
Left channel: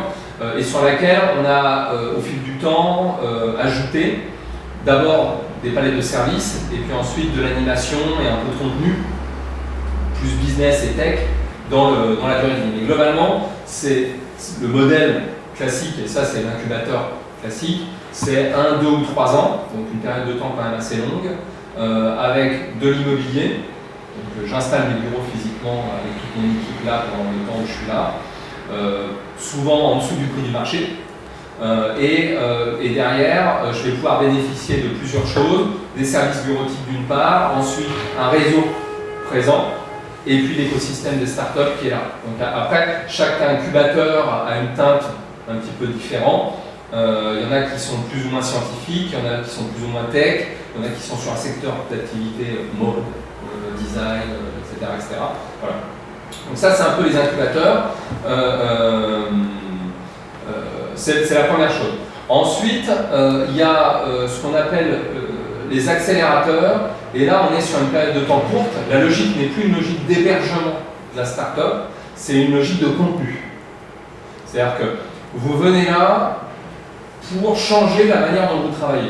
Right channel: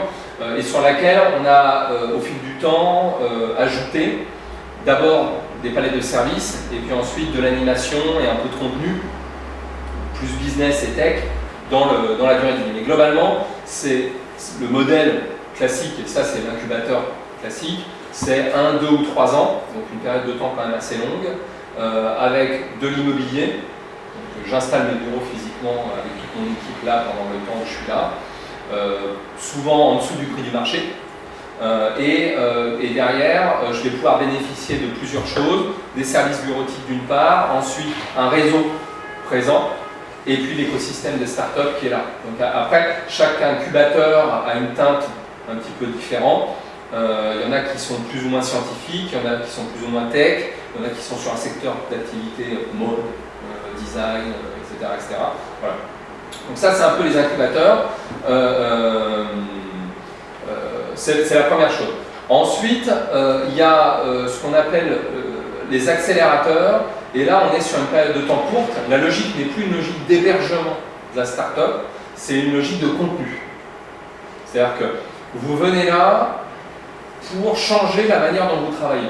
et sur laquelle on a au fil du temps ajouté d'abord des palettes de services, et puis ensuite de l'animation et un peu de contenu, plus business et tech, dans la durée de vie. Mais globalement, c'est le modèle classique, et ça c'est l'incubateur classique, c'est 1, 2 ou 3 ans, donc une période de temps quand même assez longue, avec de l'immobilier. Donc j'installe mes bureaux physiquement avec toute mon équipe là pendant le temps où je suis là, souvent en dessous du prix du marché, Et derrière, je vais pouvoir bénéficier de plusieurs choses, des services bureautiques d'une part, ensuite un réseau présent, et puis l'écosystème des startups qui est là. Donc après, chaque incubateur a une teinte un petit peu différente. Il y en a qui sont plus ou moins scientifiques, il y en a qui sont plus ou moins tech, il y en a qui sont sur un secteur d'activité mode, design, etc., etc. Voilà. Donc ça, c'est un peu les incubateurs. C'est la première chose. Ensuite, il y a ce qu'on appelle les accélérateurs. Et là, on est sur une période de temps courte. La logique n'est plus une logique d'hébergement de la start-up, c'est une logique de contenu. C'est-à-dire que vous venez là pour changer la manière dont vous travaillez.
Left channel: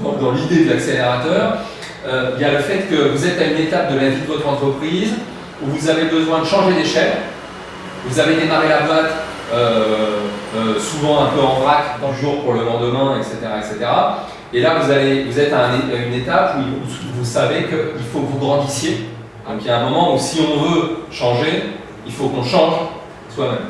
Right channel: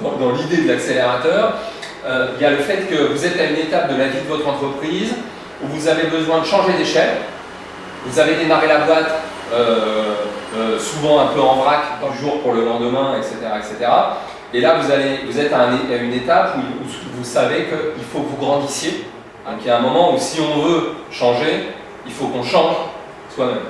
Dans l'idée de l'accélérateur, il y a le fait que vous êtes à une étape de la vie de votre entreprise où vous avez besoin de changer d'échelle. Vous avez démarré la boîte souvent un peu en vrac, du jour pour le lendemain, etc. etc. Et là, vous êtes à une étape où vous savez qu'il faut que vous grandissiez. Donc il y a un moment où si on veut changer, il faut qu'on change soi-même,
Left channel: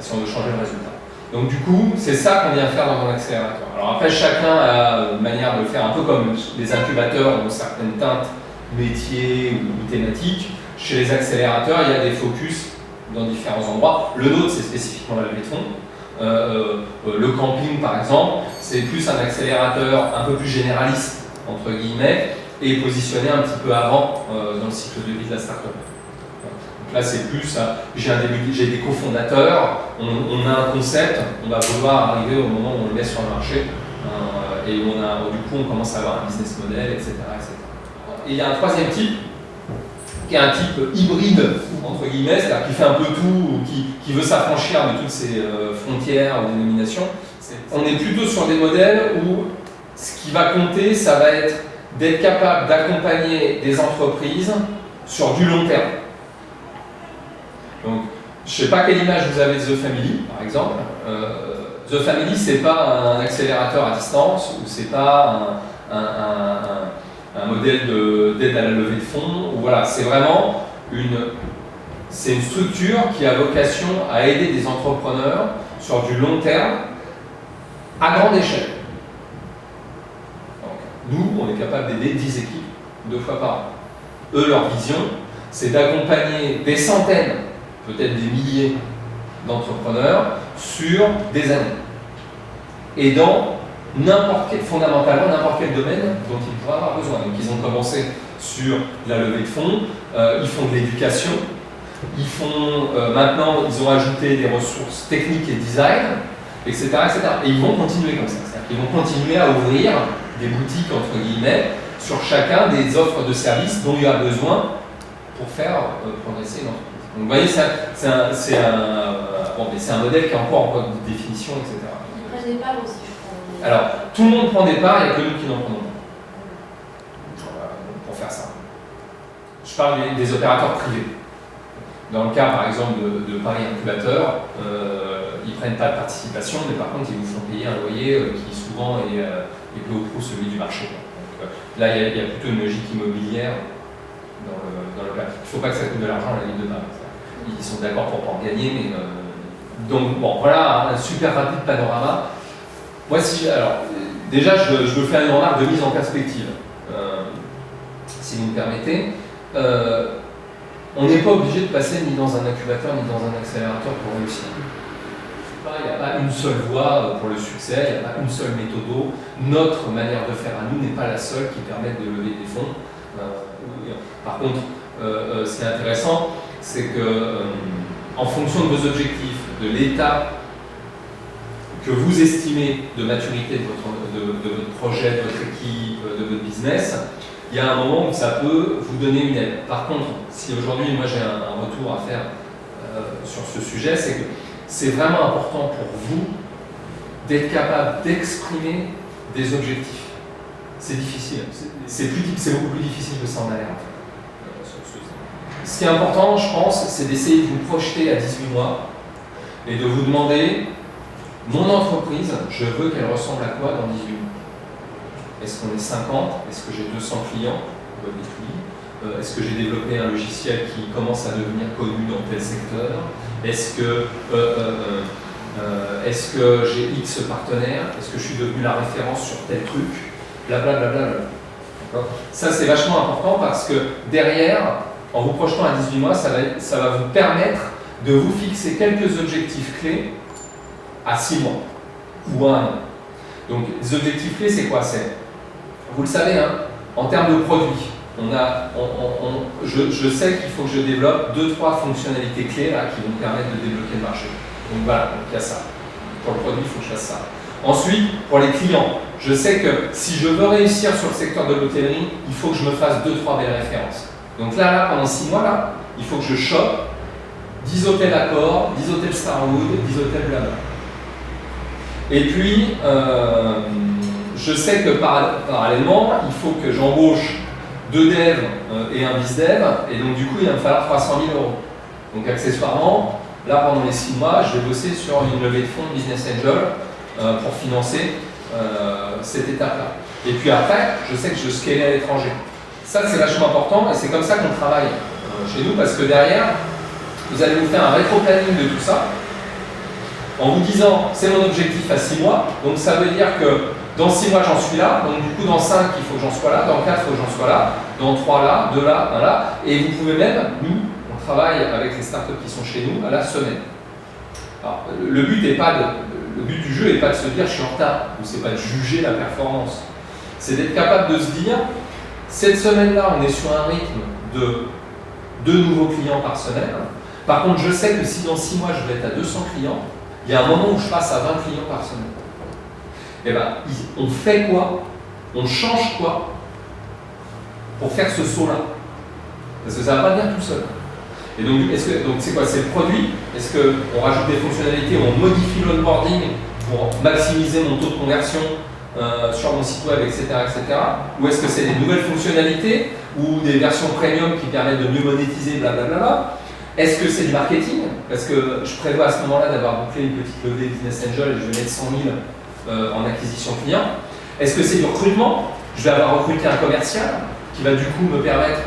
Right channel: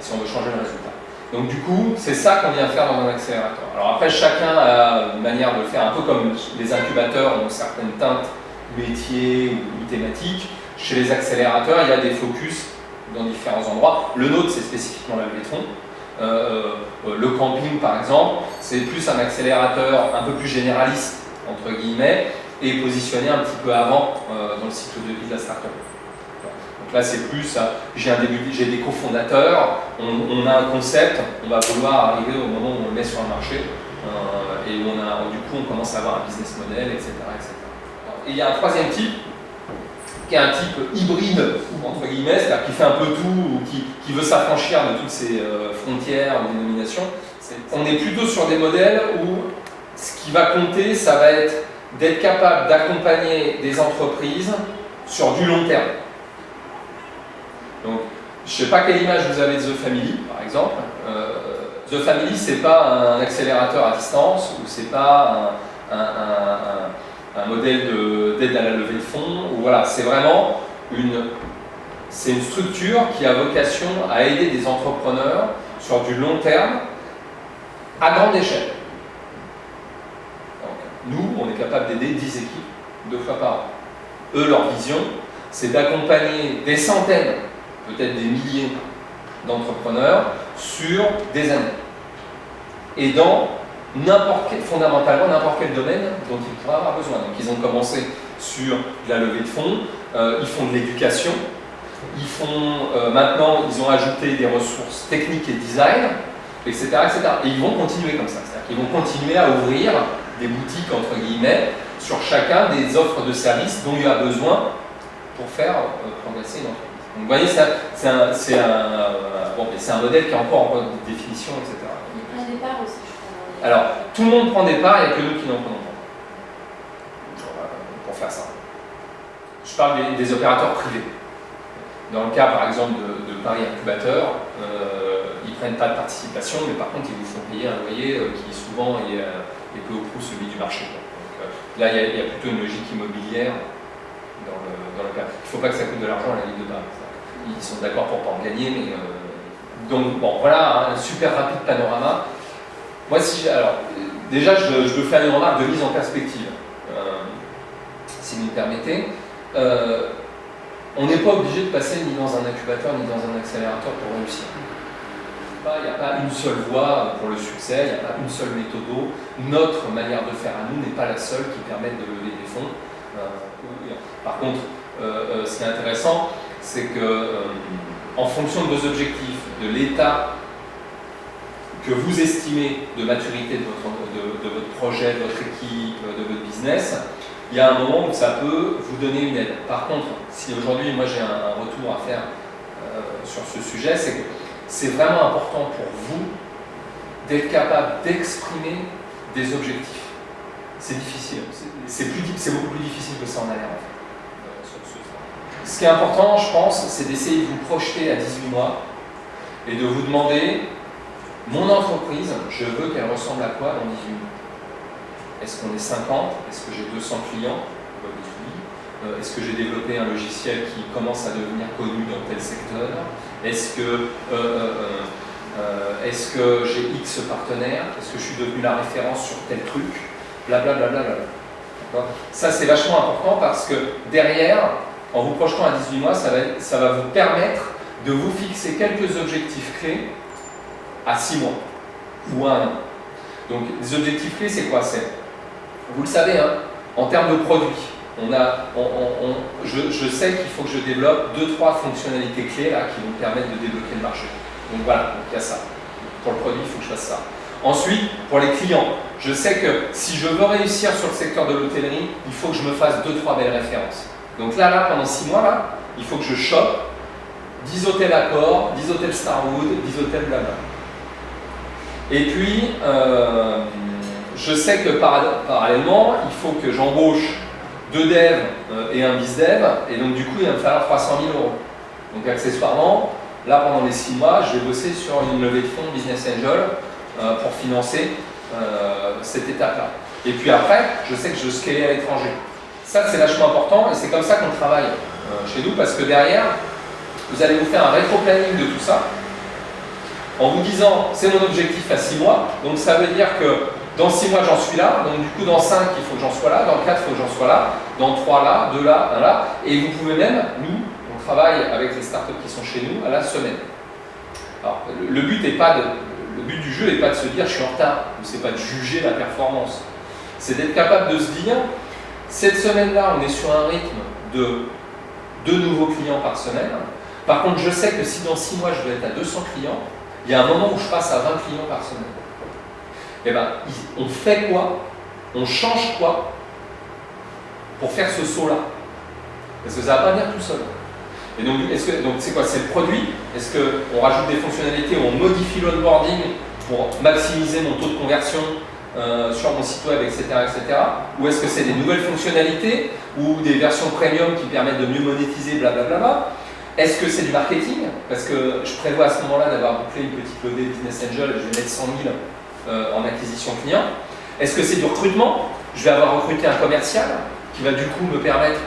si on veut changer le résultat. Donc du coup, c'est ça qu'on vient faire dans un accélérateur. Alors après, chacun a une manière de le faire, un peu comme les incubateurs ont certaines teintes métiers ou thématiques. Chez les accélérateurs, il y a des focus dans différents endroits. Le nôtre, c'est spécifiquement la levée de fonds. Le camping, par exemple, c'est plus un accélérateur un peu plus généraliste, entre guillemets, et positionné un petit peu avant dans le cycle de vie de la start-up. Donc là, c'est plus, j'ai des cofondateurs, on a un concept, on va vouloir arriver au moment où on le met sur le marché, et où du coup, on commence à avoir un business model, etc., etc. Et il y a un troisième type, qui est un type hybride, entre guillemets, c'est-à-dire qui fait un peu tout, ou qui veut s'affranchir de toutes ces frontières ou dénominations. On est plutôt sur des modèles où ce qui va compter, ça va être d'être capable d'accompagner des entreprises sur du long terme. Donc, je ne sais pas quelle image vous avez de The Family, par exemple. The Family, c'est pas un accélérateur à distance, ou c'est pas un modèle d'aide à la levée de fonds. Voilà, c'est vraiment une structure qui a vocation à aider des entrepreneurs sur du long terme à grande échelle. Donc, nous, on est capable d'aider 10 équipes 2 fois par an. Eux, leur vision, c'est d'accompagner des centaines, peut-être des milliers d'entrepreneurs sur des années. Et dans fondamentalement n'importe quel domaine dont ils pourraient avoir besoin. Donc ils ont commencé sur la levée de fonds, ils font de l'éducation, maintenant ils ont ajouté des ressources techniques et design, etc., etc. Et ils vont continuer comme ça. C'est-à-dire qu'ils vont continuer à ouvrir des boutiques, entre guillemets, sur chacun des offres de services dont il y a besoin pour faire progresser une entreprise. Donc vous voyez, c'est un modèle qui est encore en voie de définition, etc. Un départ aussi. Alors, tout le monde prend des parts, il n'y a que nous qui n'en prenons pas. Pour faire ça. Je parle des opérateurs privés. Dans le cas, par exemple, de Paris Incubateur, ils ne prennent pas de participation, mais par contre, ils vous font payer un loyer qui souvent est peu ou prou celui du marché. Donc, là, il y a plutôt une logique immobilière dans le cas. Il ne faut pas que ça coûte de l'argent à la vie de demain. Ils sont d'accord pour ne pas en gagner, mais... Donc, bon, voilà un super rapide panorama. Moi, déjà, je veux faire une remarque de mise en perspective, si vous me permettez. On n'est pas obligé de passer ni dans un incubateur ni dans un accélérateur pour réussir. Il n'y a pas une seule voie pour le succès, il n'y a pas une seule méthode. Notre manière de faire à nous n'est pas la seule qui permette de lever des fonds. Par contre, ce qui est intéressant, c'est que en fonction de vos objectifs, de l'état que vous estimez de maturité de votre projet, de votre équipe, de votre business, il y a un moment où ça peut vous donner une aide. Par contre, si aujourd'hui, moi j'ai un retour à faire sur ce sujet, c'est que c'est vraiment important pour vous d'être capable d'exprimer des objectifs. C'est difficile, c'est beaucoup plus difficile que ça en a l'air en fait. Ce qui est important, je pense, c'est d'essayer de vous projeter à 18 mois et de vous demander, mon entreprise, je veux qu'elle ressemble à quoi dans 18 mois? Est-ce qu'on est 50? Est-ce que j'ai 200 clients? Est-ce que j'ai développé un logiciel qui commence à devenir connu dans tel secteur? Est-ce que Est-ce que j'ai X partenaires? Est-ce que je suis devenu la référence sur tel truc? Blablabla. D'accord. Ça, c'est vachement important parce que derrière, en vous projetant à 18 mois, ça va vous permettre de vous fixer quelques objectifs clés à 6 mois ou à 1 an. Donc, les objectifs clés, c'est quoi? Vous le savez, hein, en termes de produits, je sais qu'il faut que je développe 2-3 fonctionnalités clés là, qui vont me permettre de débloquer le marché. Donc voilà, donc il y a ça. Pour le produit, il faut que je fasse ça. Ensuite, pour les clients, je sais que si je veux réussir sur le secteur de l'hôtellerie, il faut que je me fasse 2-3 belles références. Donc là, pendant 6 mois, là, il faut que je chope 10 hôtels Accor, 10 hôtels Starwood, 10 hôtels Blabla. Et puis, je sais que parallèlement, il faut que j'embauche 2 devs et un biz-dev, et donc du coup, il va me falloir 300 000 €. Donc accessoirement, là, pendant les 6 mois, je vais bosser sur une levée de fonds Business Angel pour financer cette étape-là. Et puis après, je sais que je scale à l'étranger. Ça, c'est vachement important, et c'est comme ça qu'on travaille chez nous, parce que derrière, vous allez nous faire un rétro-planning de tout ça, en vous disant, c'est mon objectif à 6 mois, donc ça veut dire que dans 6 mois, j'en suis là, donc du coup, dans 5, il faut que j'en sois là, dans 4, il faut que j'en sois là, dans 3 là, 2 là, 1 là, et vous pouvez même, nous, on travaille avec les startups qui sont chez nous à la semaine. Alors, le but du jeu n'est pas de se dire je suis en retard, ou c'est pas de juger la performance. C'est d'être capable de se dire, cette semaine-là, on est sur un rythme de 2 nouveaux clients par semaine. Par contre, je sais que si dans 6 mois, je vais être à 200 clients, il y a un moment où je passe à 20 clients par semaine. Eh bien, on fait quoi? On change quoi pour faire ce saut-là? Parce que ça ne va pas venir tout seul. Et donc, c'est quoi? C'est le produit? Est-ce qu'on rajoute des fonctionnalités, on modifie l'onboarding pour maximiser mon taux de conversion sur mon site web, etc. Ou est-ce que c'est des nouvelles fonctionnalités ou des versions premium qui permettent de mieux monétiser, blablabla? Est-ce que c'est du marketing? Parce que je prévois à ce moment-là d'avoir bouclé une petite levée Business Angel et je vais mettre 100 000 en acquisition client. Est-ce que c'est du recrutement? Je vais avoir recruté un commercial qui va du coup me permettre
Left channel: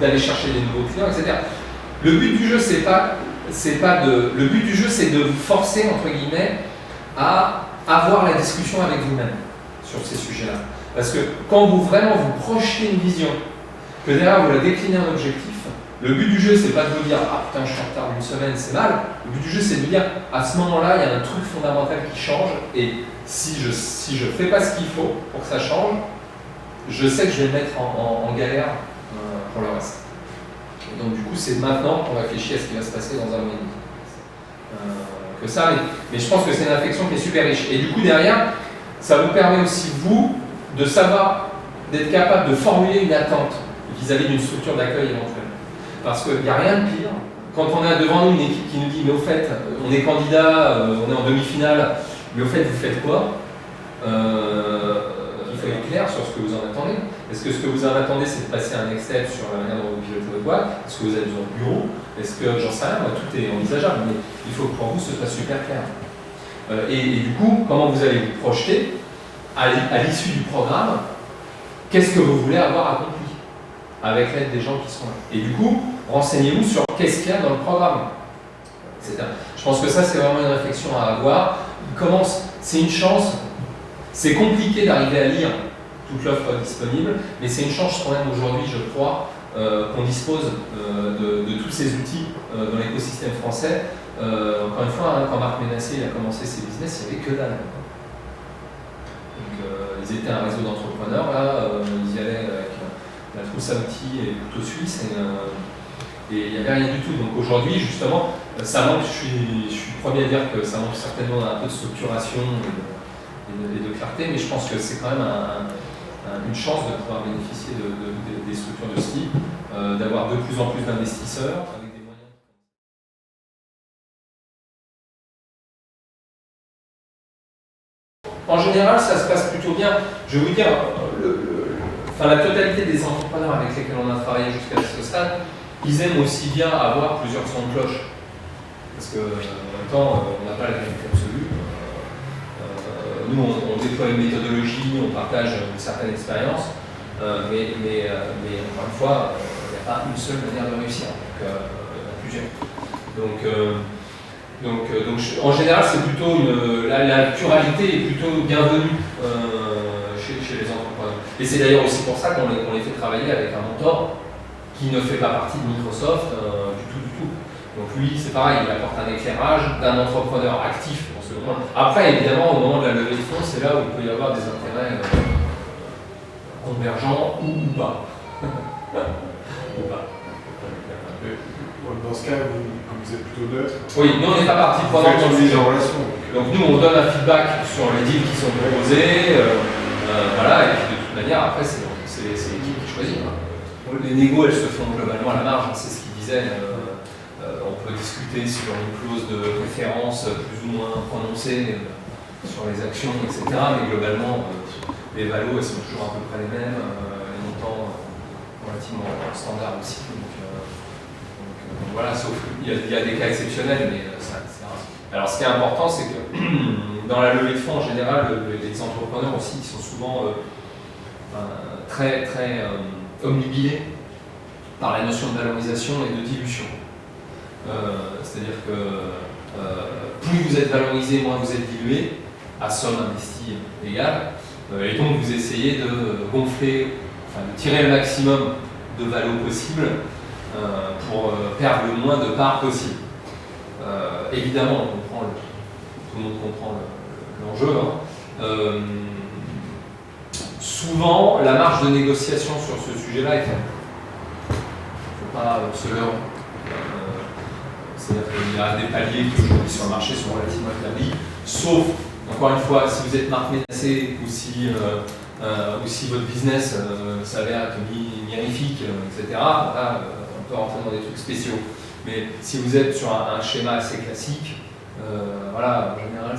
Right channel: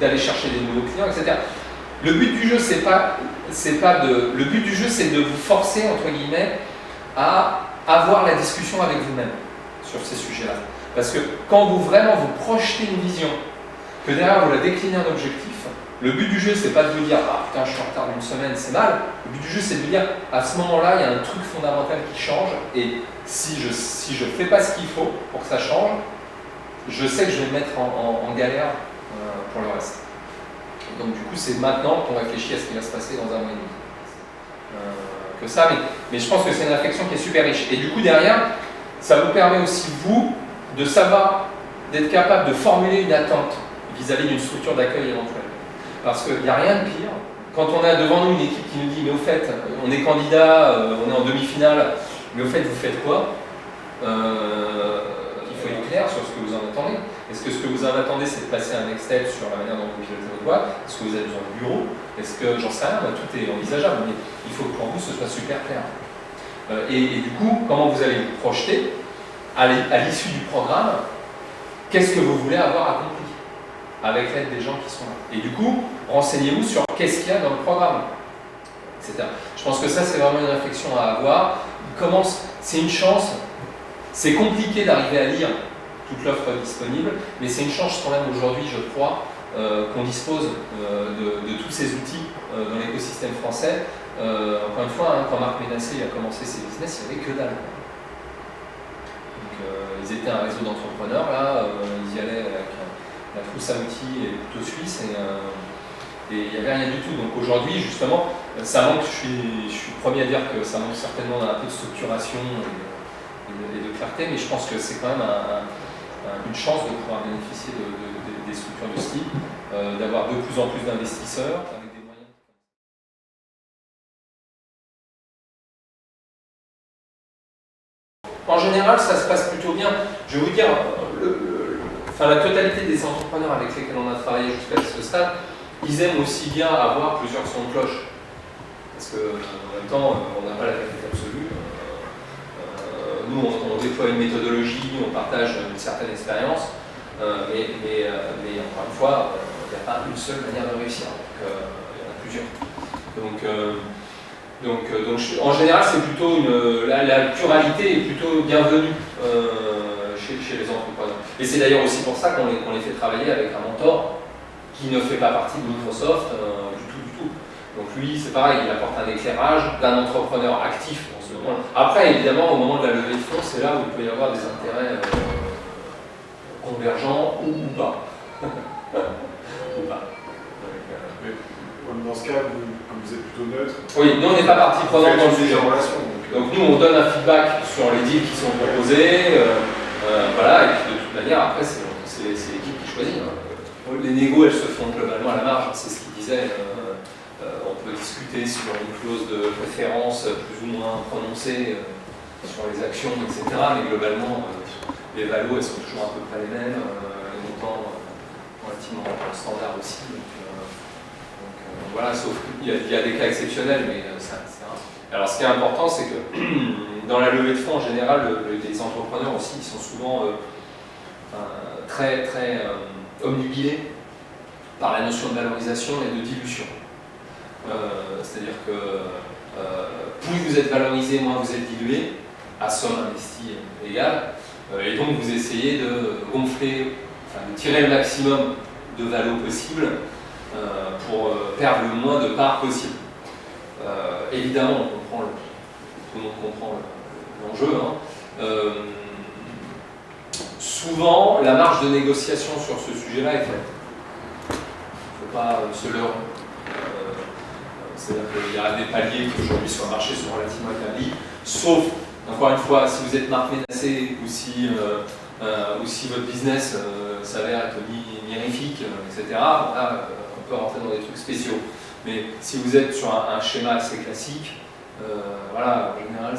d'aller chercher des nouveaux clients, etc. Le but du jeu, le but du jeu, c'est de vous forcer, entre guillemets, à avoir la discussion avec vous-même sur ces sujets-là. Parce que quand vous projetez une vision, que derrière vous la déclinez un objectif, le but du jeu, c'est pas de vous dire « Ah putain, je suis en retard d'une semaine, c'est mal ». Le but du jeu, c'est de vous dire « À ce moment-là, il y a un truc fondamental qui change et si je fais pas ce qu'il faut pour que ça change, je sais que je vais me mettre en galère pour le reste ». Donc du coup, c'est maintenant qu'on réfléchit à ce qui va se passer dans 1 mois et demi. Mais je pense que c'est une réflexion qui est super riche. Et du coup, derrière, ça vous permet aussi, vous, de savoir, d'être capable de formuler une attente vis-à-vis d'une structure d'accueil éventuelle. Parce qu'il n'y a rien de pire. Quand on a devant nous une équipe qui nous dit « Mais au fait, on est candidat, on est en demi-finale, mais au fait, vous faites quoi ?» Il faut être clair sur ce que vous en attendez. Est-ce que ce que vous en attendez, c'est de passer un Excel sur la manière dont vous pilotez votre boîte? Est-ce que vous avez besoin de bureau? Est-ce que, j'en sais rien, tout est envisageable, mais il faut que pour vous, ce soit super clair. Et du coup, comment vous allez vous projeter à l'issue du programme? Qu'est-ce que vous voulez avoir accompli avec l'aide des gens qui sont là? Et du coup, renseignez-vous sur qu'est-ce qu'il y a dans le programme, etc. Je pense que ça, c'est vraiment une réflexion à avoir. C'est une chance. C'est compliqué d'arriver à lire toute l'offre disponible, mais c'est une chance quand même aujourd'hui, je crois, qu'on dispose de tous ces outils dans l'écosystème français. Encore une fois, quand Marc Ménassé a commencé ses business, il n'y avait que dalle. Donc, ils étaient un réseau d'entrepreneurs, là, ils y allaient avec la trousse à outils et le couteau suisse, et il n'y avait rien du tout. Donc aujourd'hui, justement, ça manque, je suis le premier à dire que ça manque certainement un peu de structuration et de clarté, mais je pense que c'est quand même une chance de pouvoir bénéficier des structures de ce type, d'avoir de plus en plus d'investisseurs avec des moyens. En général, ça se passe plutôt bien. Je vais vous dire, la totalité des entrepreneurs avec lesquels on a travaillé jusqu'à ce stade, ils aiment aussi bien avoir plusieurs sons de cloche. Parce qu'en même temps, on n'a pas la vérité absolue. Nous, on déploie une méthodologie, on partage une certaine expérience, mais encore une fois, il n'y a pas une seule manière de réussir, donc il y en a plusieurs. Donc En général, c'est plutôt la pluralité est plutôt bienvenue chez les entrepreneurs. Et c'est d'ailleurs aussi pour ça qu'on les fait travailler avec un mentor qui ne fait pas partie de Microsoft du tout. Donc lui, c'est pareil, il apporte un éclairage d'un entrepreneur actif en ce moment. Après, évidemment, au moment de la levée de fonds, c'est là où il peut y avoir des intérêts convergents ou pas. Ou pas. Dans ce cas, comme vous êtes plutôt neutre. Oui, nous on n'est pas partie prenante dans le sujet. Donc nous on donne un feedback sur les deals qui sont proposés, voilà, et puis de toute manière après c'est l'équipe qui choisit. Les négos elles se font globalement à la marge, c'est ce qu'il disait. On peut discuter sur une clause de préférence plus ou moins prononcée sur les actions, etc. Mais globalement les valos elles sont toujours à peu près les mêmes, les montants relativement standards aussi. Donc voilà, sauf qu'il y a des cas exceptionnels, mais c'est rare. Alors ce qui est important, c'est que dans la levée de fonds, en général, les entrepreneurs aussi, ils sont souvent très omnubilés par la notion de valorisation et de dilution. C'est-à-dire que plus vous êtes valorisé, moins vous êtes dilué, à somme investie égale, et donc vous essayez de gonfler, de tirer le maximum de valo possible pour perdre le moins de parts possible. Évidemment, tout le monde comprend l'enjeu. Souvent, la marge de négociation sur ce sujet-là est faible. Il ne faut pas se leurrer. Il y a des paliers qui aujourd'hui sur le marché sont relativement établis, sauf, encore une fois, si vous êtes marque menacée ou si votre business s'avère être mirifique, etc. Là, on peut rentrer dans des trucs spéciaux. Mais si vous êtes sur un schéma assez classique, voilà, en général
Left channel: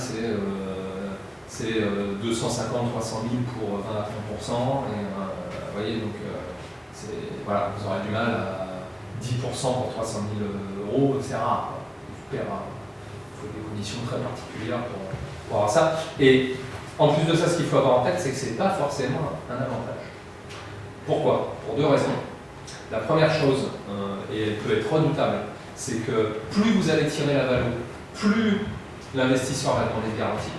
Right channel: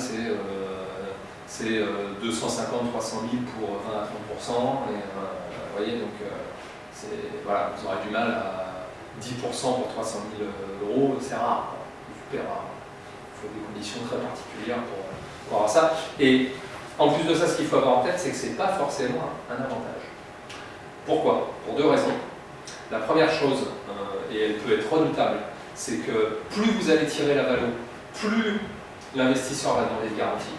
c'est 250-300 000 pour 20 à 30%. Et, vous voyez, donc voilà, vous aurez du mal à 10% pour 300 000 euros, c'est rare, super rare. Il faut des conditions très particulières pour avoir ça. Et en plus de ça, ce qu'il faut avoir en tête, c'est que ce n'est pas forcément un avantage. Pourquoi? Pour deux raisons. La première chose, et elle peut être redoutable, c'est que plus vous allez tirer la valeur, plus l'investisseur va demander de garantie.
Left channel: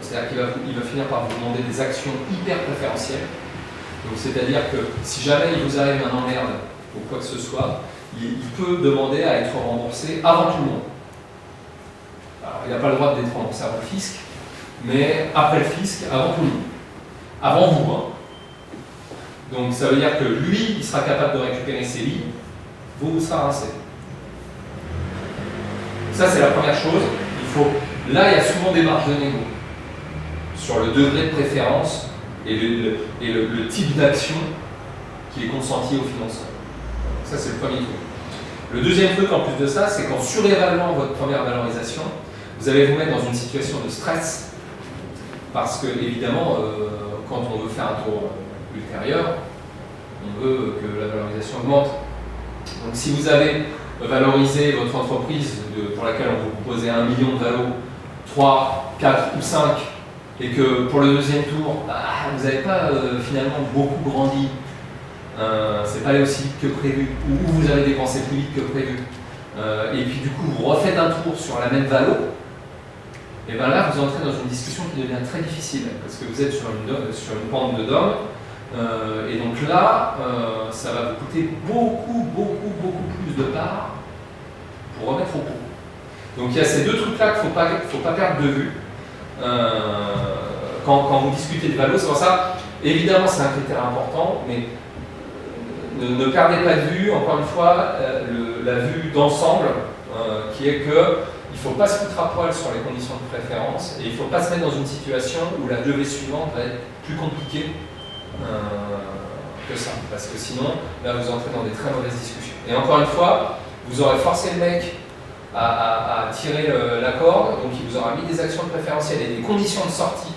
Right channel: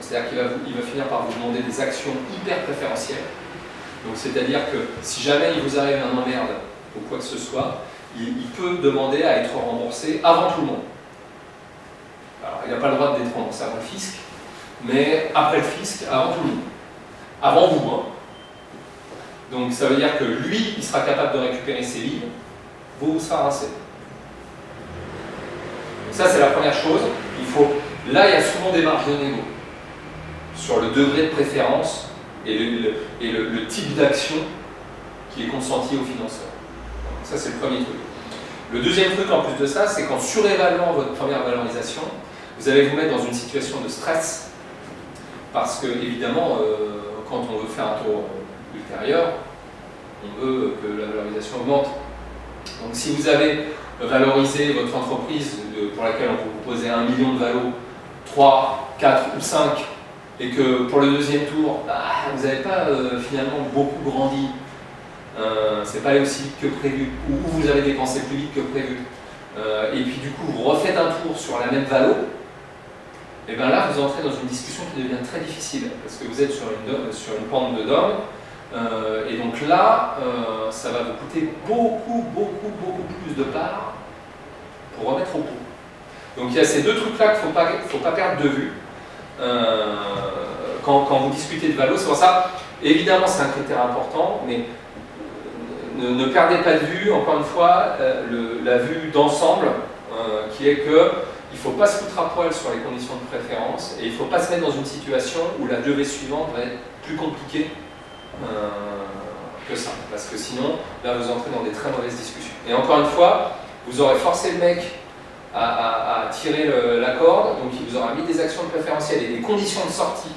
C'est-à-dire qu'il va finir par vous demander des actions hyper préférentielles. Donc c'est-à-dire que si jamais il vous arrive un emmerde ou quoi que ce soit, il peut demander à être remboursé avant tout le monde. Alors il n'a pas le droit d'être remboursé avant le fisc, mais après le fisc, avant tout le monde. Avant vous, hein. Donc ça veut dire que lui, il sera capable de récupérer ses billes, vous serez rincé. Ça c'est la première chose. Là, il y a souvent des marges de négo sur le degré de préférence et le type d'action qui est consenti au financeur. Donc, ça, c'est le premier truc. Le deuxième truc, en plus de ça, c'est qu'en surévaluant votre première valorisation, vous allez vous mettre dans une situation de stress parce que, évidemment, quand on veut faire un tour ultérieur, on veut que la valorisation augmente. Donc, si vous avez valorisé votre entreprise pour laquelle on vous proposait 1 million de valo, 3, 4 ou 5, et que pour le deuxième tour, vous n'avez pas finalement beaucoup grandi, c'est pas allé aussi vite que prévu, ou vous avez dépensé plus vite que prévu, et puis du coup vous refaites un tour sur la même valo, et bien là vous entrez dans une discussion qui devient très difficile, parce que vous êtes sur une pente de dog, et donc là, ça va vous coûter beaucoup plus de parts pour remettre au pot. Donc il y a ces deux trucs-là qu'il ne faut pas perdre de vue. Quand vous discutez de valo, c'est pour ça, évidemment c'est un critère important, mais ne perdez pas de vue, encore une fois, la vue d'ensemble, qui est qu'il ne faut pas se foutre à poil sur les conditions de préférence, et il ne faut pas se mettre dans une situation où la levée suivante va être plus compliquée que ça, parce que sinon, là vous entrez dans des très mauvaises discussions. Et encore une fois, vous aurez forcé le mec à tirer la corde, donc il vous aura mis des actions de préférentiel et des conditions de sortie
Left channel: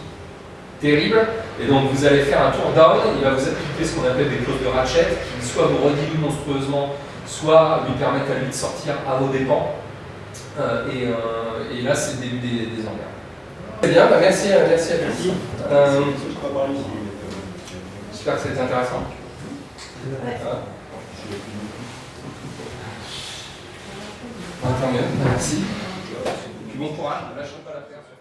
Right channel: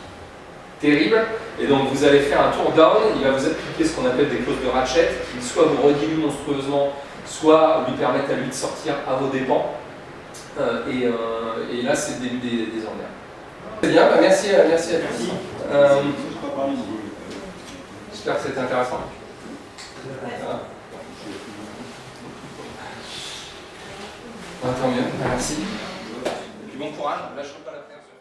terribles, et donc vous allez faire un tour down, il va vous appliquer ce qu'on appelle des clauses de ratchet, qui soit vous rediluent monstrueusement, soit lui permettent à lui de sortir à vos dépens, et là c'est le début des emmerdes. Très bien, merci à tous. J'espère que c'était intéressant. Tant mieux, merci. Et puis bon courage, on ne lâchera pas l'affaire.